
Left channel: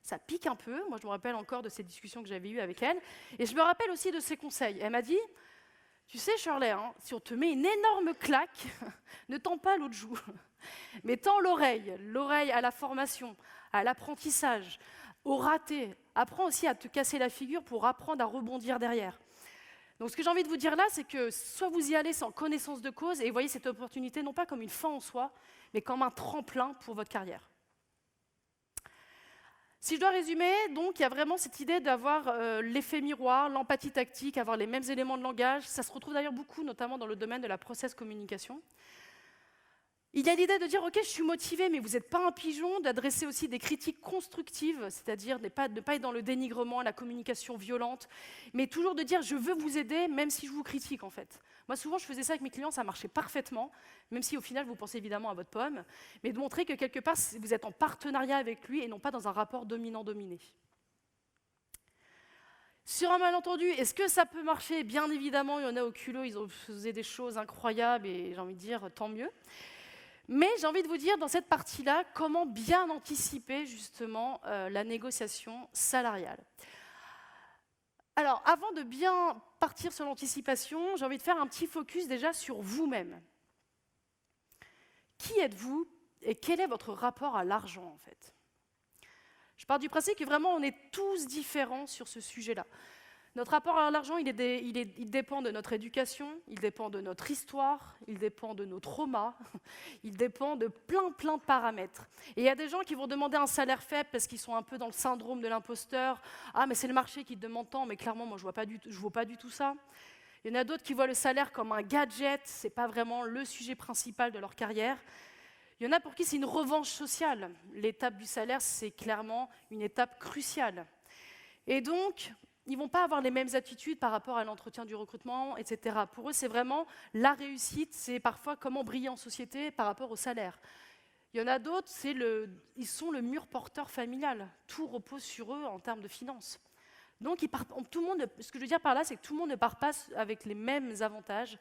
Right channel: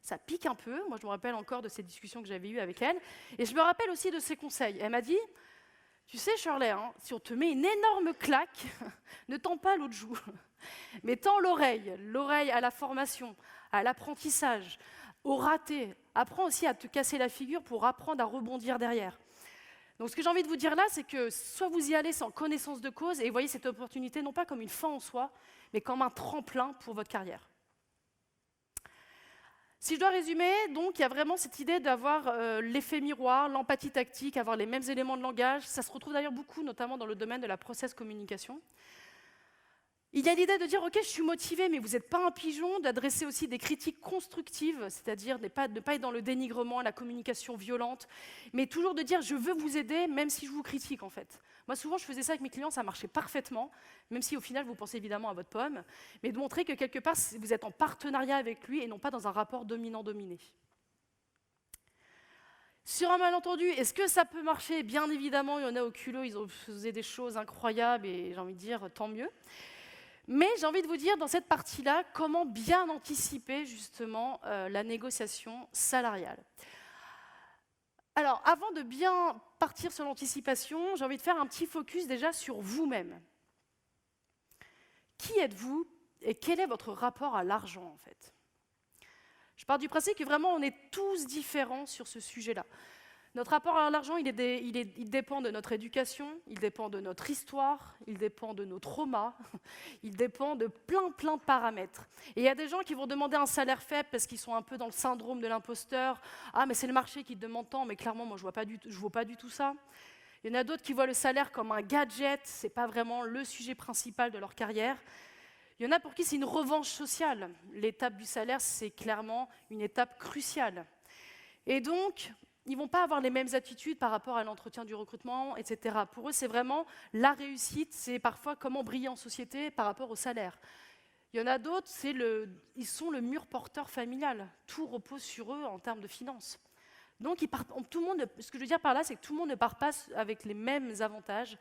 Ça pique un peu, moi je me rappelle encore de ces discussions que j'avais eues avec elle, et je me rappelle aussi de ses conseils. Elle m'a dit, tu sais Shirley, hein, si on te met une énorme claque, ne tends pas l'autre joue, mais tends l'oreille à la formation, à l'apprentissage, au raté. Apprends aussi à te casser la figure pour apprendre à rebondir derrière. Donc ce que j'ai envie de vous dire là, c'est que soit vous y allez sans connaissance de cause et voyez cette opportunité non pas comme une fin en soi, mais comme un tremplin pour votre carrière. Si je dois résumer, donc il y a vraiment cette idée d'avoir l'effet miroir, l'empathie tactique, avoir les mêmes éléments de langage. Ça se retrouve d'ailleurs beaucoup, notamment dans le domaine de la process communication. Il y a l'idée de dire, ok, je suis motivé, mais vous n'êtes pas un pigeon, d'adresser aussi des critiques constructives, c'est-à-dire de ne pas être dans le dénigrement, la communication violente, mais toujours de dire, je veux vous aider, même si je vous critique, en fait. Moi, souvent, je faisais ça avec mes clients, ça marchait parfaitement, même si au final, vous pensez évidemment à votre pomme, mais de montrer que quelque part, vous êtes en partenariat avec lui et non pas dans un rapport dominant-dominé. Sur un malentendu, est-ce que ça peut marcher? Bien évidemment, il y en a au culot, ils ont fait des choses incroyables et j'ai envie de dire, tant mieux. Mais j'ai envie de vous dire, dans cette partie-là, comment bien anticiper justement la négociation salariale. Alors, avant de bien partir sur l'anticipation, j'ai envie de faire un petit focus déjà sur vous-même. Qui êtes-vous et quel est votre rapport à l'argent en fait? Je pars du principe que vraiment on est tous différents sur ce sujet-là. Notre rapport à l'argent, il dépend de notre éducation, il dépend de notre histoire, il dépend de nos traumas, il dépend de plein de paramètres. Et il y a des gens qui vont demander un salaire faible parce qu'ils sont un peu dans le syndrome de l'imposteur. Ah, mais c'est le marché qui te demande tant, mais clairement, moi, je ne vaux pas du tout ça. Il y en a d'autres qui voient le salaire comme un gadget, ce n'est pas vraiment le sujet principal de leur carrière. Il y en a pour qui c'est une revanche sociale. L'étape du salaire, c'est clairement une étape cruciale. Et donc, ils ne vont pas avoir les mêmes attitudes par rapport à l'entretien du recrutement, etc. Pour eux, c'est vraiment la réussite, c'est parfois comment briller en société par rapport au salaire. Il y en a d'autres, ils sont le mur porteur familial. Tout repose sur eux en termes de finances. Donc, tout le monde, ce que je veux dire par là, c'est que tout le monde ne part pas avec les mêmes avantages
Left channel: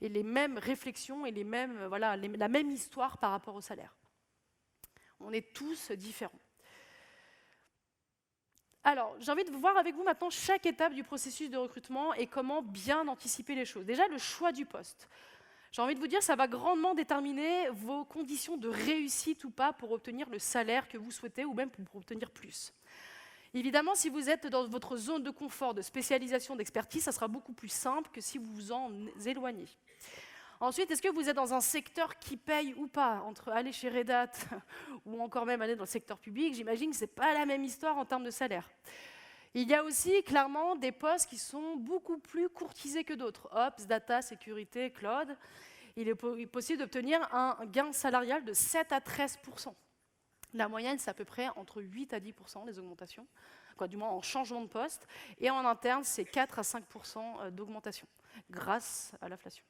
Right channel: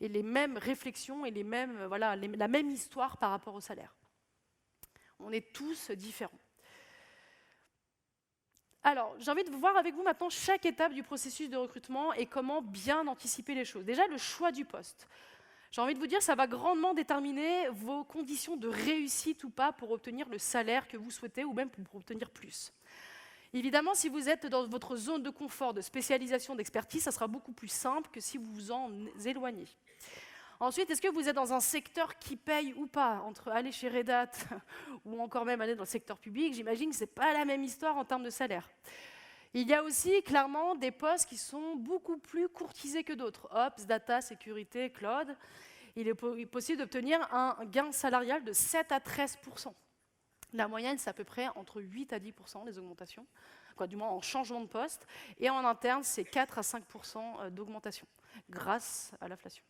et les mêmes réflexions et la même histoire par rapport au salaire. On est tous différents. Alors, j'ai envie de voir avec vous maintenant chaque étape du processus de recrutement et comment bien anticiper les choses. Déjà, le choix du poste. J'ai envie de vous dire, ça va grandement déterminer vos conditions de réussite ou pas pour obtenir le salaire que vous souhaitez ou même pour obtenir plus. Évidemment, si vous êtes dans votre zone de confort, de spécialisation, d'expertise, ça sera beaucoup plus simple que si vous vous en éloignez. Ensuite, est-ce que vous êtes dans un secteur qui paye ou pas? Entre aller chez Red Hat ou encore même aller dans le secteur public, j'imagine que ce n'est pas la même histoire en termes de salaire. Il y a aussi clairement des postes qui sont beaucoup plus courtisés que d'autres. Ops, data, sécurité, cloud. Il est possible d'obtenir un gain salarial de 7 à 13%. La moyenne, c'est à peu près entre 8 à 10% des augmentations, du moins en changeant de poste. Et en interne, c'est 4 à 5% d'augmentation, grâce à l'inflation.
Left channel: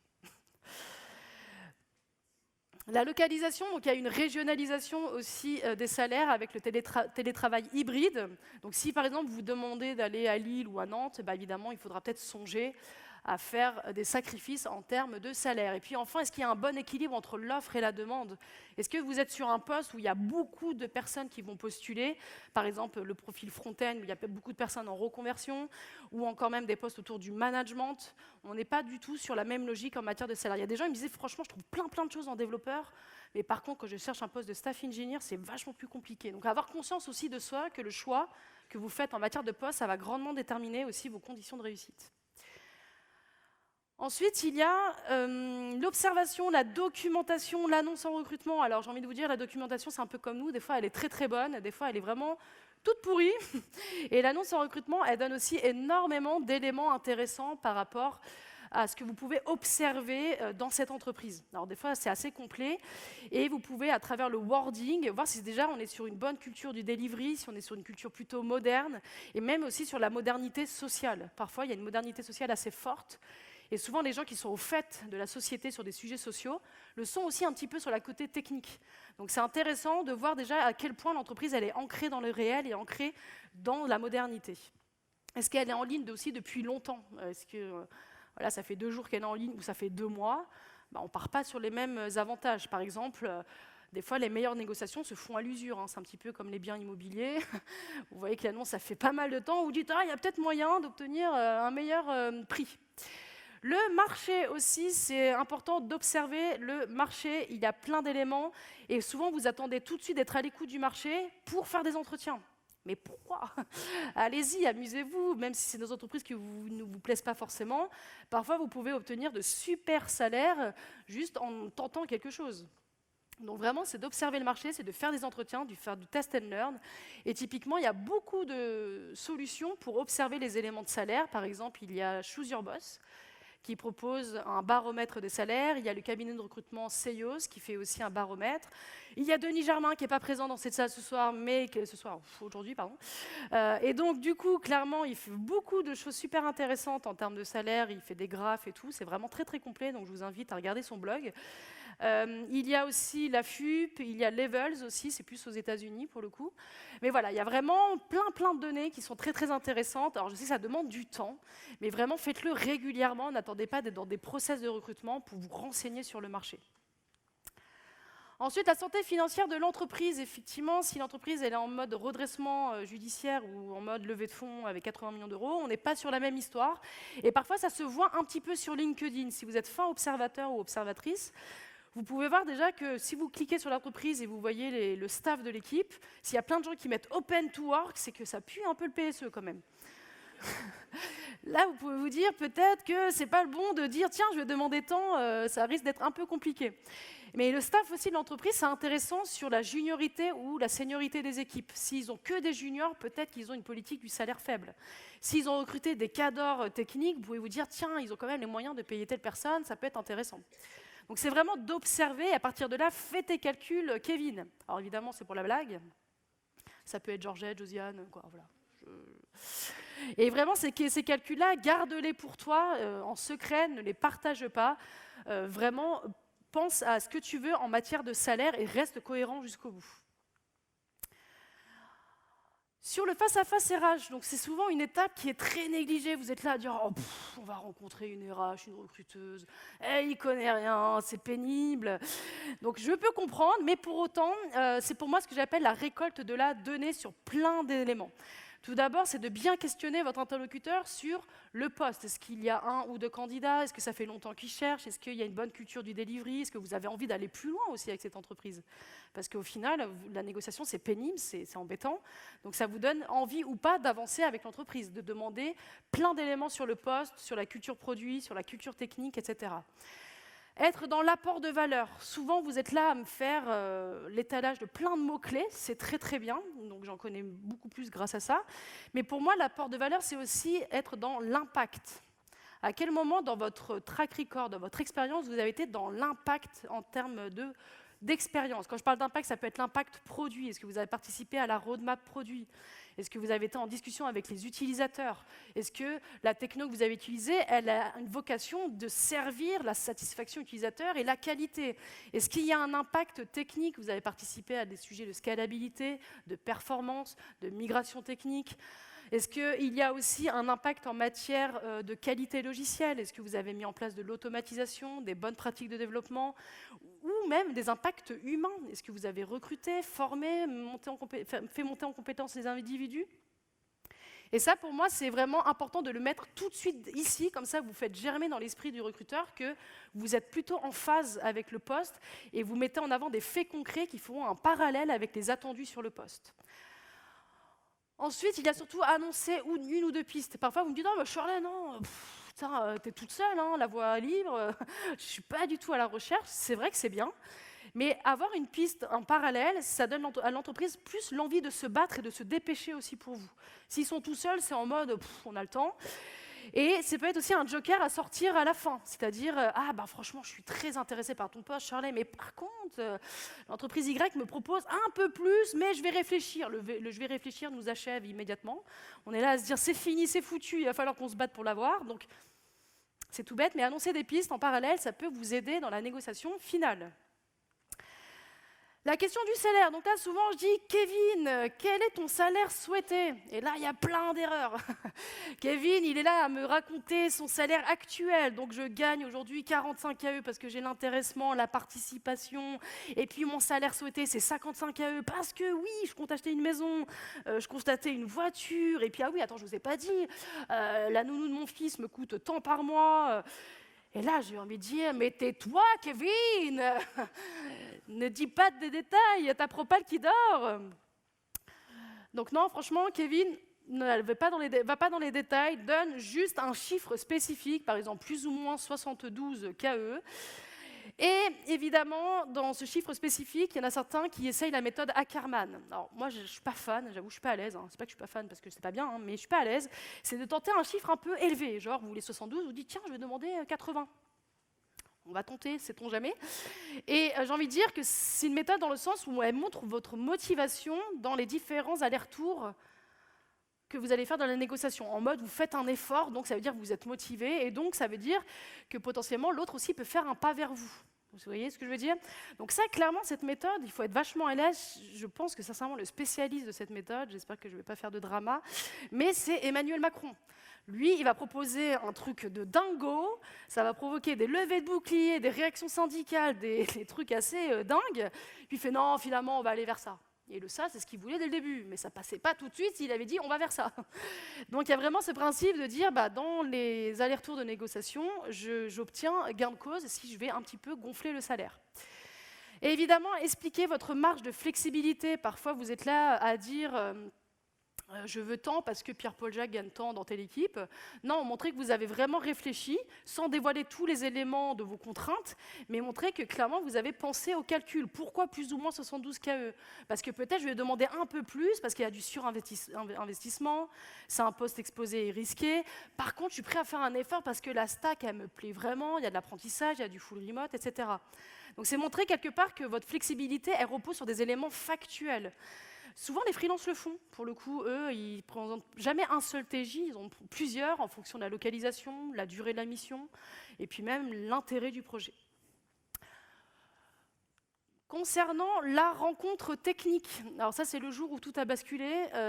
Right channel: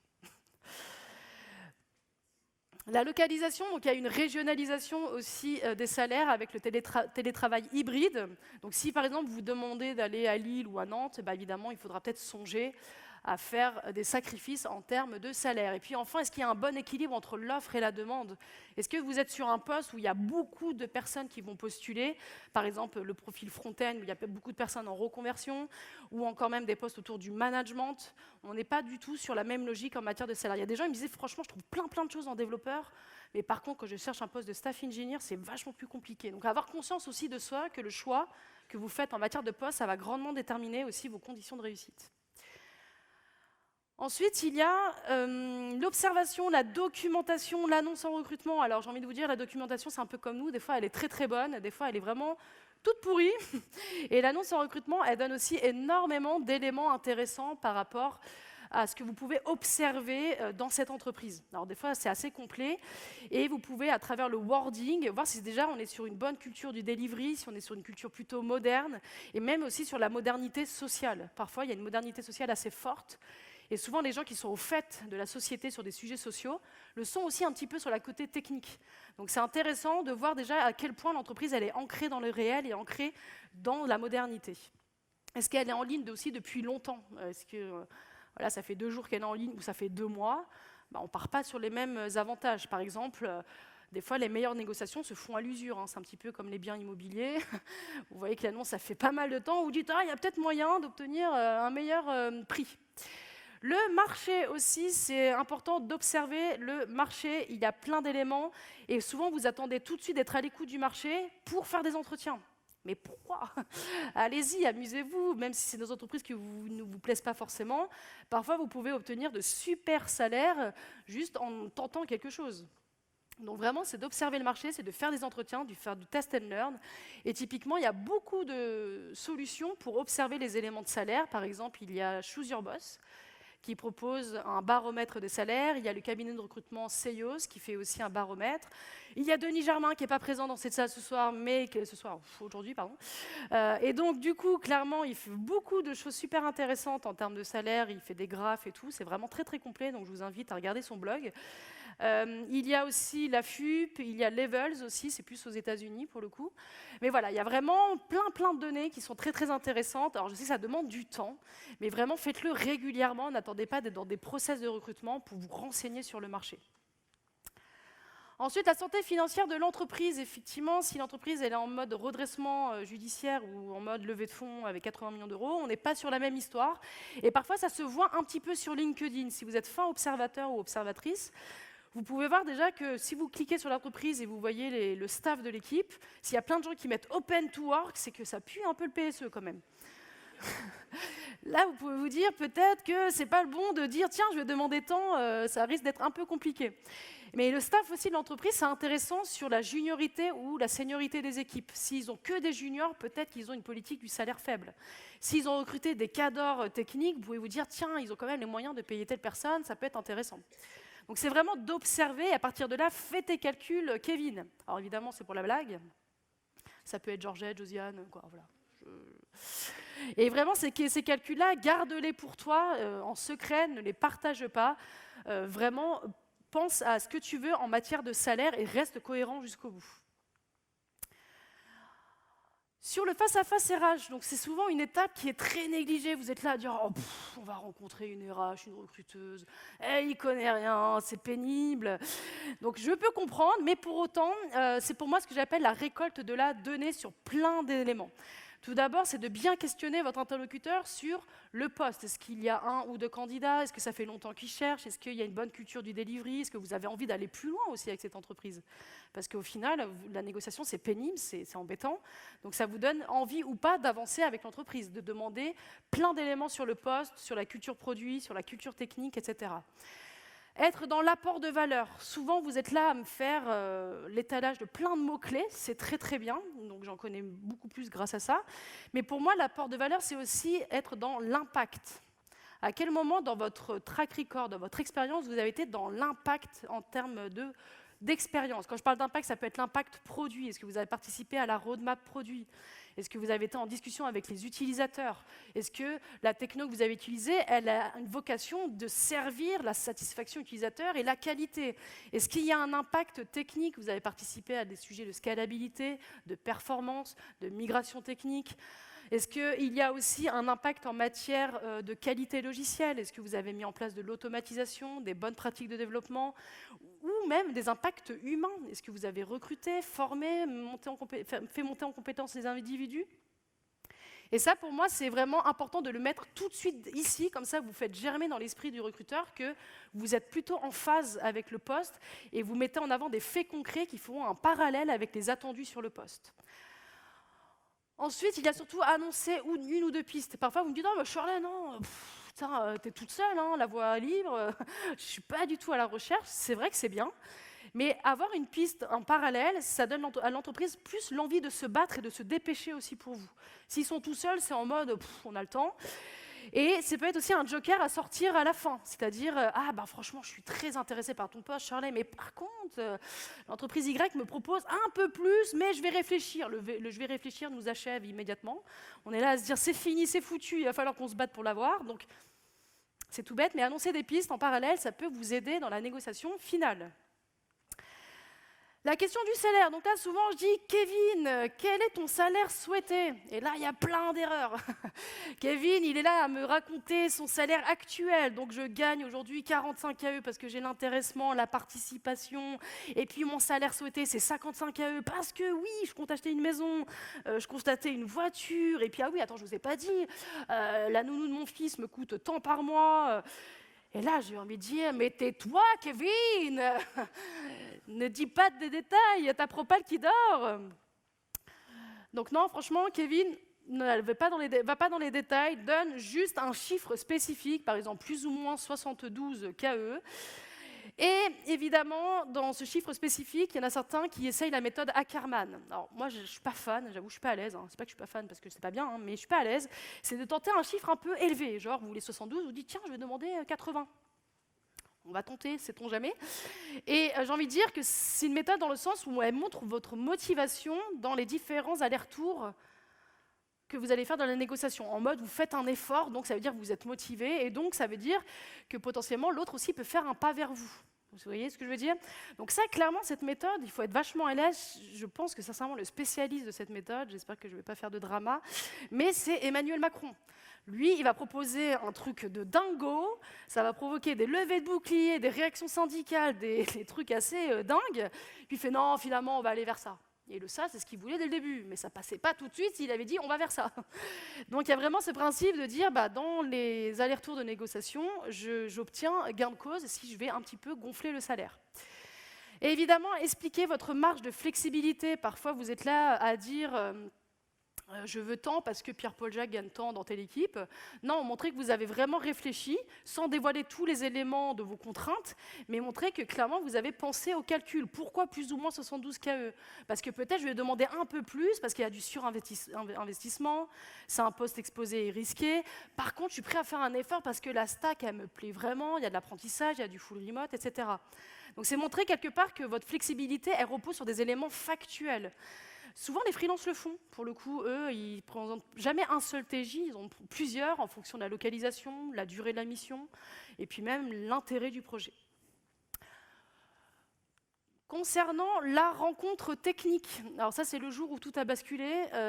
La localisation, donc il y a une régionalisation aussi des salaires avec le télétravail hybride. Donc si par exemple vous demandez d'aller à Lille ou à Nantes, évidemment il faudra peut-être songer à faire des sacrifices en termes de salaire. Et puis enfin, est-ce qu'il y a un bon équilibre entre l'offre et la demande? Est-ce que vous êtes sur un poste où il y a beaucoup de personnes qui vont postuler, par exemple le profil front-end, où il y a beaucoup de personnes en reconversion, ou encore même des postes autour du management? On n'est pas du tout sur la même logique en matière de salaire. Il y a des gens qui me disaient, franchement, je trouve plein de choses en développeur, mais par contre, quand je cherche un poste de staff engineer, c'est vachement plus compliqué. Donc avoir conscience aussi de soi, que le choix que vous faites en matière de poste, ça va grandement déterminer aussi vos conditions de réussite. Ensuite, il y a l'observation, la documentation, l'annonce en recrutement. Alors, j'ai envie de vous dire, la documentation, c'est un peu comme nous. Des fois, elle est très bonne. Des fois, elle est vraiment toute pourrie. Et l'annonce en recrutement, elle donne aussi énormément d'éléments intéressants par rapport à ce que vous pouvez observer dans cette entreprise. Alors, des fois, c'est assez complet. Et vous pouvez, à travers le wording, voir si déjà on est sur une bonne culture du delivery, si on est sur une culture plutôt moderne, et même aussi sur la modernité sociale. Parfois, il y a une modernité sociale assez forte. Et souvent, les gens qui sont au fait de la société sur des sujets sociaux le sont aussi un petit peu sur la côté technique. Donc c'est intéressant de voir déjà à quel point l'entreprise elle est ancrée dans le réel et ancrée dans la modernité. Est-ce qu'elle est en ligne aussi depuis longtemps? Est-ce que voilà, ça fait 2 jours qu'elle est en ligne ou ça fait 2 mois? On ne part pas sur les mêmes avantages. Par exemple, des fois, les meilleures négociations se font à l'usure. Hein. C'est un petit peu comme les biens immobiliers. Vous voyez que l'annonce, ça fait pas mal de temps. Vous dites, il y a peut-être moyen d'obtenir un meilleur prix. Le marché aussi, c'est important d'observer le marché. Il y a plein d'éléments et souvent vous attendez tout de suite d'être à l'écoute du marché pour faire des entretiens. Mais pourquoi? Allez-y, amusez-vous, même si c'est des entreprises qui ne vous plaisent pas forcément. Parfois, vous pouvez obtenir de super salaires juste en tentant quelque chose. Donc vraiment, c'est d'observer le marché, c'est de faire des entretiens, de faire du test and learn. Et typiquement, il y a beaucoup de solutions pour observer les éléments de salaire. Par exemple, il y a Choose Your Boss, qui propose un baromètre de salaire. Il y a le cabinet de recrutement Seios qui fait aussi un baromètre. Il y a Denis Germain qui n'est pas présent dans cette salle ce soir, mais aujourd'hui, pardon. Et donc, du coup, clairement, il fait beaucoup de choses super intéressantes en termes de salaire. Il fait des graphes et tout. C'est vraiment très complet, donc je vous invite à regarder son blog. Il y a aussi la FUP, il y a Levels aussi, c'est plus aux États-Unis pour le coup. Mais voilà, il y a vraiment plein de données qui sont très intéressantes. Alors je sais que ça demande du temps, mais vraiment faites-le régulièrement. N'attendez pas d'être dans des process de recrutement pour vous renseigner sur le marché. Ensuite, la santé financière de l'entreprise. Effectivement, si l'entreprise est en mode redressement judiciaire ou en mode levée de fonds avec 80 millions d'euros, on n'est pas sur la même histoire. Et parfois, ça se voit un petit peu sur LinkedIn. Si vous êtes fin observateur ou observatrice, vous pouvez voir déjà que si vous cliquez sur l'entreprise et vous voyez le staff de l'équipe, s'il y a plein de gens qui mettent Open to Work, c'est que ça pue un peu le PSE quand même. Là, vous pouvez vous dire peut-être que c'est pas le bon de dire tiens, je vais demander tant, ça risque d'être un peu compliqué. Mais le staff aussi de l'entreprise, c'est intéressant sur la juniorité ou la seniorité des équipes. S'ils ont que des juniors, peut-être qu'ils ont une politique du salaire faible. S'ils ont recruté des cadors techniques, vous pouvez vous dire tiens, ils ont quand même les moyens de payer telle personne, ça peut être intéressant. Donc c'est vraiment d'observer et à partir de là, faites tes calculs, Kevin. Alors évidemment, c'est pour la blague. Ça peut être Georgette, Josiane, quoi, voilà. Et vraiment, ces calculs-là, garde-les pour toi en secret, ne les partage pas. Vraiment, pense à ce que tu veux en matière de salaire et reste cohérent jusqu'au bout. Sur le face-à-face RH, donc c'est souvent une étape qui est très négligée. Vous êtes là à dire oh, on va rencontrer une RH, une recruteuse, il connaît rien, c'est pénible. Donc je peux comprendre, mais pour autant, c'est pour moi ce que j'appelle la récolte de la donnée sur plein d'éléments. Tout d'abord, c'est de bien questionner votre interlocuteur sur le poste. Est-ce qu'il y a 1 ou 2 candidats? Est-ce que ça fait longtemps qu'ils cherchent? Est-ce qu'il y a une bonne culture du delivery? Est-ce que vous avez envie d'aller plus loin aussi avec cette entreprise? Parce qu'au final, la négociation, c'est pénible, c'est embêtant. Donc ça vous donne envie ou pas d'avancer avec l'entreprise, de demander plein d'éléments sur le poste, sur la culture produit, sur la culture technique, etc. Être dans l'apport de valeur. Souvent, vous êtes là à me faire l'étalage de plein de mots-clés. C'est très bien, donc j'en connais beaucoup plus grâce à ça. Mais pour moi, l'apport de valeur, c'est aussi être dans l'impact. À quel moment dans votre track record, dans votre expérience, vous avez été dans l'impact en termes d'expérience? Quand je parle d'impact, ça peut être l'impact produit. Est-ce que vous avez participé à la roadmap produit? Est-ce que vous avez été en discussion avec les utilisateurs? Est-ce que la techno que vous avez utilisée, elle a une vocation de servir la satisfaction utilisateur et la qualité? Est-ce qu'il y a un impact technique? Vous avez participé à des sujets de scalabilité, de performance, de migration technique? Est-ce qu'il y a aussi un impact en matière de qualité logicielle? Est-ce que vous avez mis en place de l'automatisation, des bonnes pratiques de développement ou même des impacts humains? Est-ce que vous avez recruté, formé, fait monter en compétence les individus? Et ça, pour moi, c'est vraiment important de le mettre tout de suite ici, comme ça vous faites germer dans l'esprit du recruteur que vous êtes plutôt en phase avec le poste et vous mettez en avant des faits concrets qui feront un parallèle avec les attendus sur le poste. Ensuite, il y a surtout annoncé une ou deux pistes. Parfois, vous me dites « Non, Shirley, non, t'es toute seule, hein, la voie libre, je ne suis pas du tout à la recherche. » C'est vrai que c'est bien. Mais avoir une piste en parallèle, ça donne à l'entreprise plus l'envie de se battre et de se dépêcher aussi pour vous. S'ils sont tout seuls, c'est en mode on a le temps. Et ça peut être aussi un joker à sortir à la fin. C'est-à-dire, franchement, je suis très intéressée par ton poste, Shirley, mais par contre, l'entreprise Y me propose un peu plus, mais je vais réfléchir. Le je vais réfléchir nous achève immédiatement. On est là à se dire c'est fini, c'est foutu, il va falloir qu'on se batte pour l'avoir. Donc, c'est tout bête, mais annoncer des pistes en parallèle, ça peut vous aider dans la négociation finale. La question du salaire. Donc là, souvent, je dis « Kevin, quel est ton salaire souhaité ?» Et là, il y a plein d'erreurs. Kevin, il est là à me raconter son salaire actuel. Donc, je gagne aujourd'hui 45 KE parce que j'ai l'intéressement, la participation. Et puis, mon salaire souhaité, c'est 55 KE parce que, oui, je compte acheter une maison, je compte acheter une voiture. Et puis, ah oui, attends, je ne vous ai pas dit, la nounou de mon fils me coûte tant par mois. Et là, j'ai envie de dire « Mais tais-toi, Kevin !» Ne dis pas des détails, ta propale qui dort. Donc non, franchement, Kevin ne va pas dans les détails, donne juste un chiffre spécifique, par exemple plus ou moins 72 KE. Et évidemment, dans ce chiffre spécifique, il y en a certains qui essayent la méthode Ackermann. Alors moi, je ne suis pas fan, j'avoue, je ne suis pas à l'aise. C'est pas que je ne suis pas fan parce que c'est pas bien, mais je ne suis pas à l'aise. C'est de tenter un chiffre un peu élevé, genre vous voulez 72, vous dites tiens, je vais demander 80. On va tenter, sait-on jamais. Et j'ai envie de dire que c'est une méthode dans le sens où elle montre votre motivation dans les différents allers-retours que vous allez faire dans la négociation. En mode, vous faites un effort, donc ça veut dire que vous êtes motivé, et donc ça veut dire que potentiellement l'autre aussi peut faire un pas vers vous. Vous voyez ce que je veux dire? Donc ça, clairement, cette méthode, il faut être vachement à l'aise. Je pense que sincèrement, le spécialiste de cette méthode, j'espère que je ne vais pas faire de drama, mais c'est Emmanuel Macron. Lui, il va proposer un truc de dingo, ça va provoquer des levées de boucliers, des réactions syndicales, des trucs assez dingues. Puis il fait non, finalement, on va aller vers ça. Et le ça, c'est ce qu'il voulait dès le début, mais ça passait pas tout de suite s'il avait dit on va vers ça. Donc il y a vraiment ce principe de dire dans les allers-retours de négociation, j'obtiens gain de cause si je vais un petit peu gonfler le salaire. Et évidemment, expliquez votre marge de flexibilité. Parfois, vous êtes là à dire je veux tant parce que Pierre-Paul Jacques gagne tant dans telle équipe. Non, montrez que vous avez vraiment réfléchi, sans dévoiler tous les éléments de vos contraintes, mais montrez que clairement vous avez pensé au calcul. Pourquoi plus ou moins 72 KE? Parce que peut-être je vais demander un peu plus, parce qu'il y a du surinvestissement, c'est un poste exposé et risqué. Par contre, je suis prêt à faire un effort parce que la stack, elle me plaît vraiment, il y a de l'apprentissage, il y a du full remote, etc. Donc c'est montrer quelque part que votre flexibilité, elle repose sur des éléments factuels. Souvent, les freelances le font. Pour le coup, eux, ils ne présentent jamais un seul TJ, ils en ont plusieurs en fonction de la localisation, la durée de la mission, et puis même l'intérêt du projet. Concernant la rencontre technique, alors ça c'est le jour où tout a basculé,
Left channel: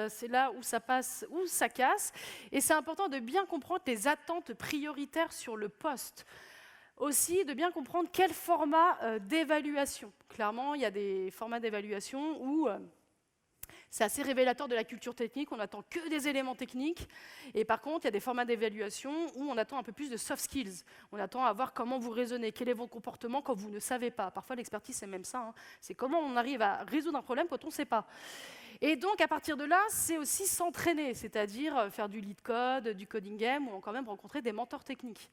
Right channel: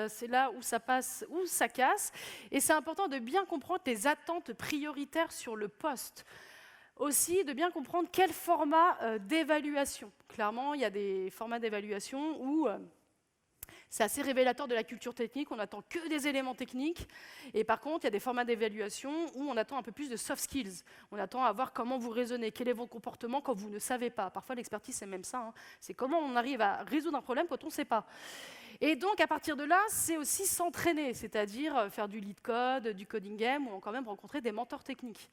c'est là où ça passe, où ça casse, et c'est important de bien comprendre les attentes prioritaires sur le poste. Aussi, de bien comprendre quel format d'évaluation. Clairement, il y a des formats d'évaluation où c'est assez révélateur de la culture technique, on n'attend que des éléments techniques. Et par contre, il y a des formats d'évaluation où on attend un peu plus de soft skills. On attend à voir comment vous raisonnez, quel est votre comportement quand vous ne savez pas. Parfois, l'expertise, c'est même ça. Hein. C'est comment on arrive à résoudre un problème quand on ne sait pas. Et donc, à partir de là, c'est aussi s'entraîner, c'est-à-dire faire du lead code, du coding game, ou quand même rencontrer des mentors techniques.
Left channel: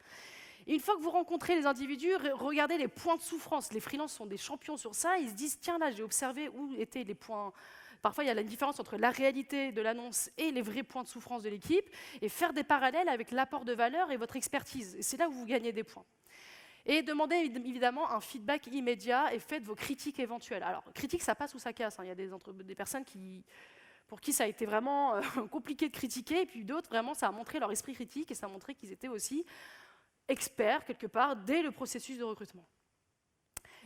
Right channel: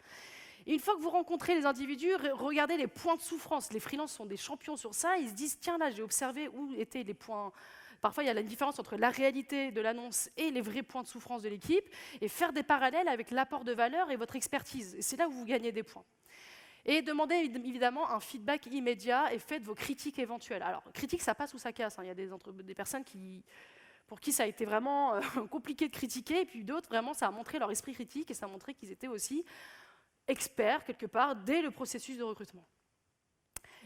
Et une fois que vous rencontrez les individus, regardez les points de souffrance. Les freelances sont des champions sur ça. Ils se disent, tiens, là, j'ai observé où étaient les points. Parfois, il y a une différence entre la réalité de l'annonce et les vrais points de souffrance de l'équipe, et faire des parallèles avec l'apport de valeur et votre expertise. Et c'est là où vous gagnez des points. Et demandez évidemment un feedback immédiat et faites vos critiques éventuelles. Alors, critique, ça passe ou ça casse. Hein. Il y a des personnes pour qui ça a été vraiment compliqué de critiquer, et puis d'autres, vraiment, ça a montré leur esprit critique et ça a montré qu'ils étaient aussi experts, quelque part, dès le processus de recrutement.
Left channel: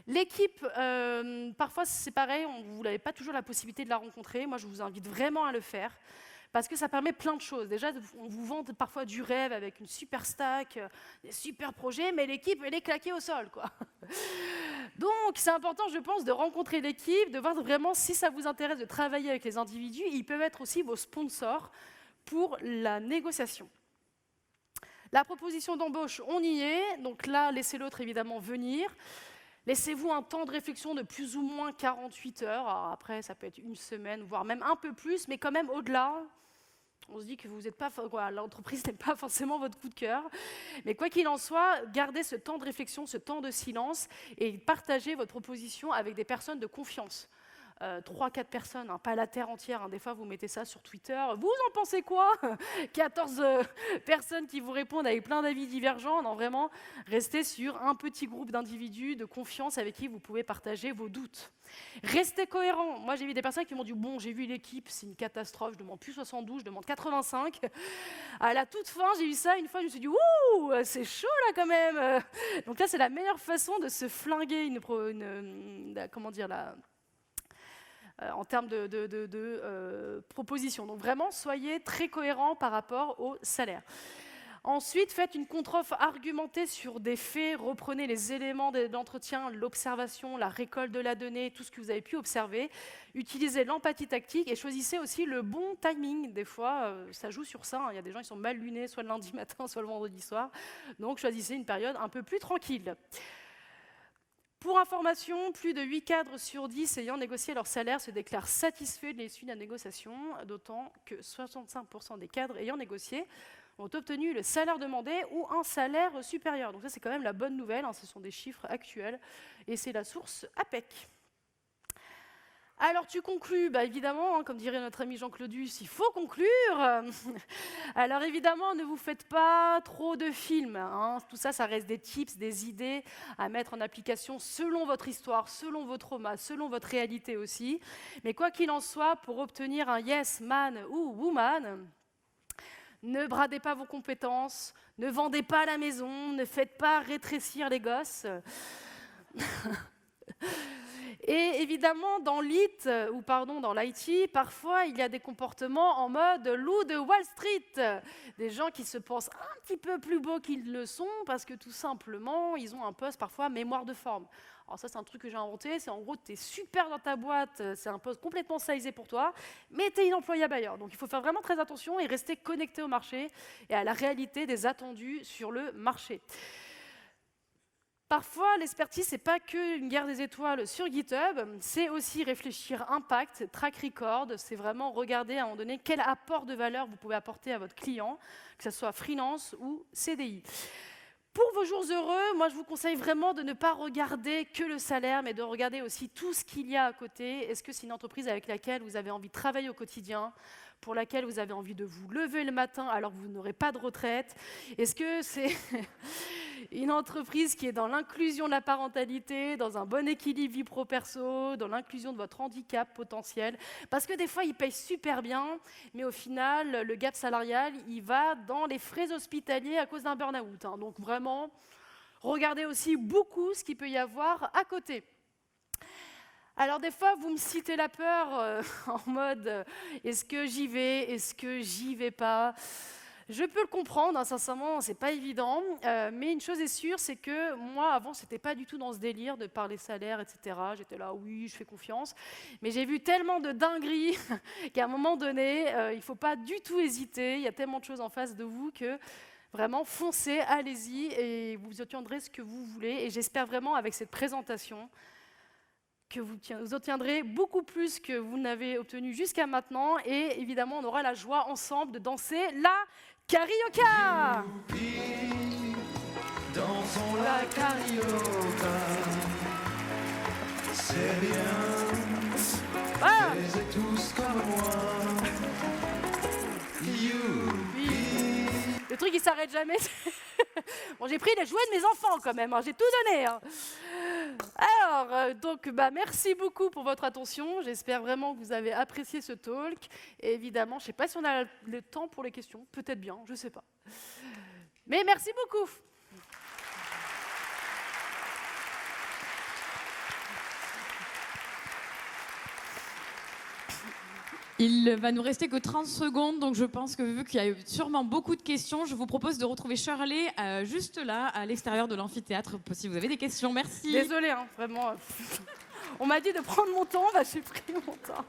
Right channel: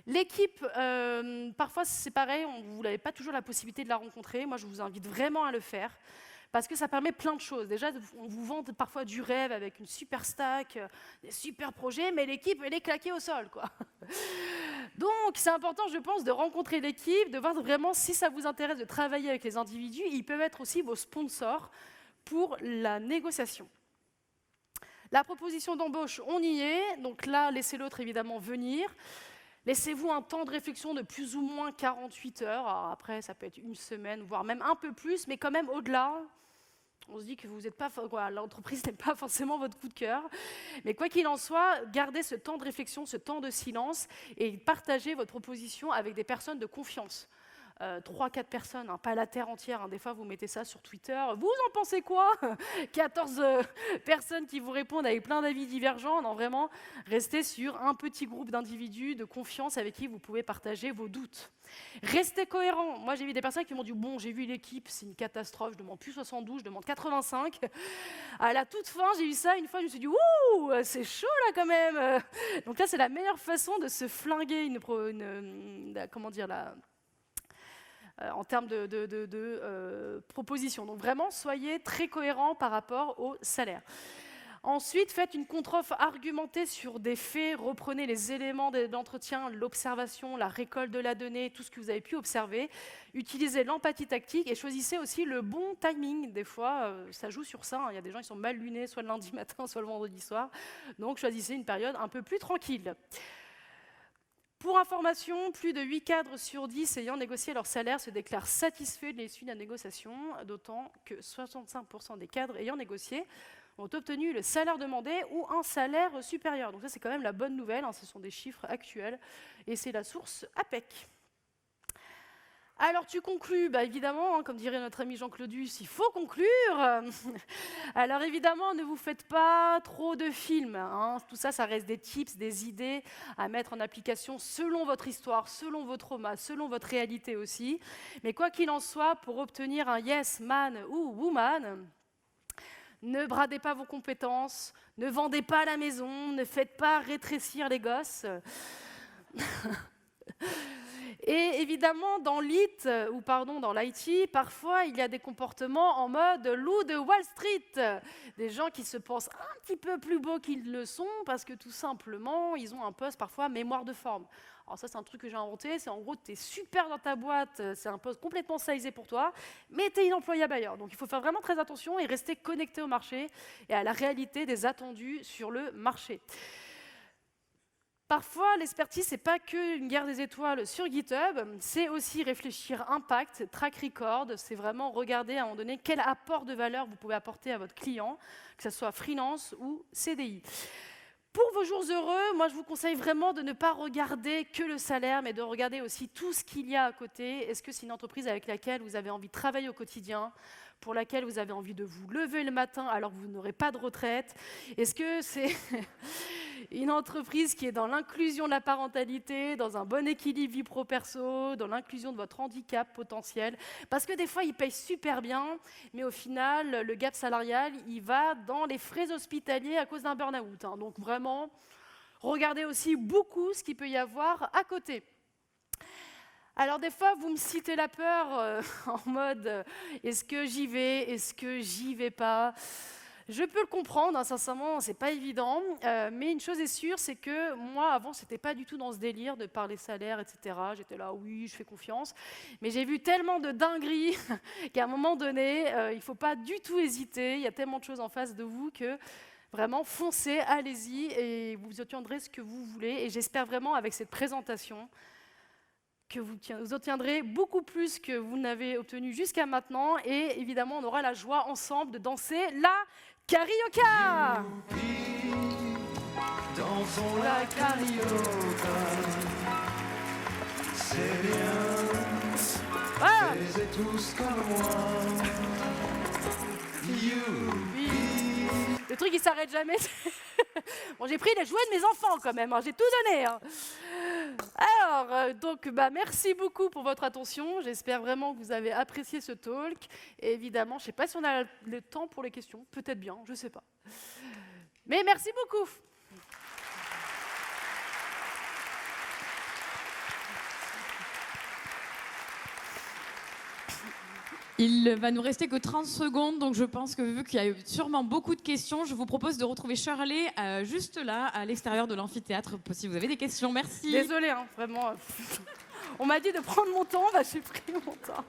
L'équipe, parfois c'est pareil, vous n'avez pas toujours la possibilité de la rencontrer. Moi, je vous invite vraiment à le faire parce que ça permet plein de choses. Déjà, on vous vend parfois du rêve avec une super stack, des super projets, mais l'équipe, elle est claquée au sol, quoi. Donc, c'est important, je pense, de rencontrer l'équipe, de voir vraiment si ça vous intéresse de travailler avec les individus. Ils peuvent être aussi vos sponsors pour la négociation. La proposition d'embauche, on y est. Donc là, laissez l'autre évidemment venir. Laissez-vous un temps de réflexion de plus ou moins 48 heures. Alors après, ça peut être une semaine, voire même un peu plus, mais quand même au-delà. On se dit que vous n'êtes pas, l'entreprise n'est pas forcément votre coup de cœur. Mais quoi qu'il en soit, gardez ce temps de réflexion, ce temps de silence et partagez votre proposition avec des personnes de confiance. 3-4 personnes, hein, pas la terre entière. Hein. Des fois, vous mettez ça sur Twitter. Vous en pensez quoi 14 personnes qui vous répondent avec plein d'avis divergents. Non, vraiment, restez sur un petit groupe d'individus de confiance avec qui vous pouvez partager vos doutes. Restez cohérents. Moi, j'ai vu des personnes qui m'ont dit « Bon, j'ai vu l'équipe, c'est une catastrophe, je demande plus 72, je demande 85. » À la toute fin, j'ai eu ça. Une fois, je me suis dit « Ouh, c'est chaud là quand même !» Donc là, c'est la meilleure façon de se flinguer comment dire, en termes de propositions. Donc vraiment, soyez très cohérents par rapport au salaire. Ensuite, faites une contre-offre argumentée sur des faits, reprenez les éléments de l'entretien, l'observation, la récolte de la donnée, tout ce que vous avez pu observer. Utilisez l'empathie tactique et choisissez aussi le bon timing. Des fois, ça joue sur ça. Il y a des gens qui sont mal lunés, soit le lundi matin, soit le vendredi soir. Donc, choisissez une période un peu plus tranquille. Pour information, plus de 8 cadres sur 10 ayant négocié leur salaire se déclarent satisfaits de l'issue de la négociation, d'autant que 65% des cadres ayant négocié ont obtenu le salaire demandé ou un salaire supérieur. Donc ça, c'est quand même la bonne nouvelle, hein, ce sont des chiffres actuels, et c'est la source APEC. Alors tu conclus, bah évidemment, hein, comme dirait notre ami Jean Claudius, il faut conclure. Alors évidemment, ne vous faites pas trop de films. Hein. Tout ça, ça reste des tips, des idées à mettre en application selon votre histoire, selon vos traumas, selon votre réalité aussi. Mais quoi qu'il en soit, pour obtenir un yes man ou woman, ne bradez pas vos compétences, ne vendez pas la maison, ne faites pas rétrécir les gosses. Et évidemment, dans l'IT, parfois, il y a des comportements en mode loup de Wall Street. Des gens qui se pensent un petit peu plus beaux qu'ils le sont parce que tout simplement, ils ont un poste parfois mémoire de forme. Alors ça, c'est un truc que j'ai inventé. C'est en gros, tu es super dans ta boîte, c'est un poste complètement sizé pour toi, mais tu es inemployable ailleurs. Donc, il faut faire vraiment très attention et rester connecté au marché et à la réalité des attendus sur le marché. Parfois, l'expertise, ce n'est pas qu'une guerre des étoiles sur GitHub, c'est aussi réfléchir impact, track record, c'est vraiment regarder à un moment donné quel apport de valeur vous pouvez apporter à votre client, que ce soit freelance ou CDI. Pour vos jours heureux, moi je vous conseille vraiment de ne pas regarder que le salaire, mais de regarder aussi tout ce qu'il y a à côté. Est-ce que c'est une entreprise avec laquelle vous avez envie de travailler au quotidien ? Pour laquelle vous avez envie de vous lever le matin alors que vous n'aurez pas de retraite? Est-ce que c'est une entreprise qui est dans l'inclusion de la parentalité, dans un bon équilibre vie pro-perso, dans l'inclusion de votre handicap potentiel? Parce que des fois, ils payent super bien, mais au final, le gap salarial, il va dans les frais hospitaliers à cause d'un burn-out. Hein. Donc vraiment, regardez aussi beaucoup ce qu'il peut y avoir à côté. Alors des fois, vous me citez la peur en mode est-ce que j'y vais, est-ce que j'y vais pas? Je peux le comprendre, hein, sincèrement, c'est pas évident, mais une chose est sûre, c'est que moi, avant, c'était pas du tout dans ce délire de parler salaire, etc. J'étais là, oui, je fais confiance, mais j'ai vu tellement de dingueries qu'à un moment donné, il faut pas du tout hésiter, il y a tellement de choses en face de vous que vraiment, foncez, allez-y, et vous obtiendrez ce que vous voulez, et j'espère vraiment, avec cette présentation, que vous obtiendrez beaucoup plus que vous n'avez obtenu jusqu'à maintenant. Et évidemment, on aura la joie ensemble de danser la carioca. Dansons la carioca. C'est bien. Ah. Faisez tous comme moi. Le truc, il s'arrête jamais. Bon, j'ai pris les jouets de mes enfants quand même, hein. J'ai tout donné. Hein. Alors, donc, merci beaucoup pour votre attention. J'espère vraiment que vous avez apprécié ce talk. Et évidemment, je ne sais pas si on a le temps pour les questions. Peut-être bien, je ne sais pas. Mais merci beaucoup. Il va nous rester que 30 secondes, donc je pense que vu qu'il y a eu sûrement beaucoup de questions, je vous propose de retrouver Shirley juste là, à l'extérieur de l'amphithéâtre, si vous avez des questions. Merci. Désolée, hein, vraiment. On m'a dit de prendre mon temps, bah, j'ai pris mon temps.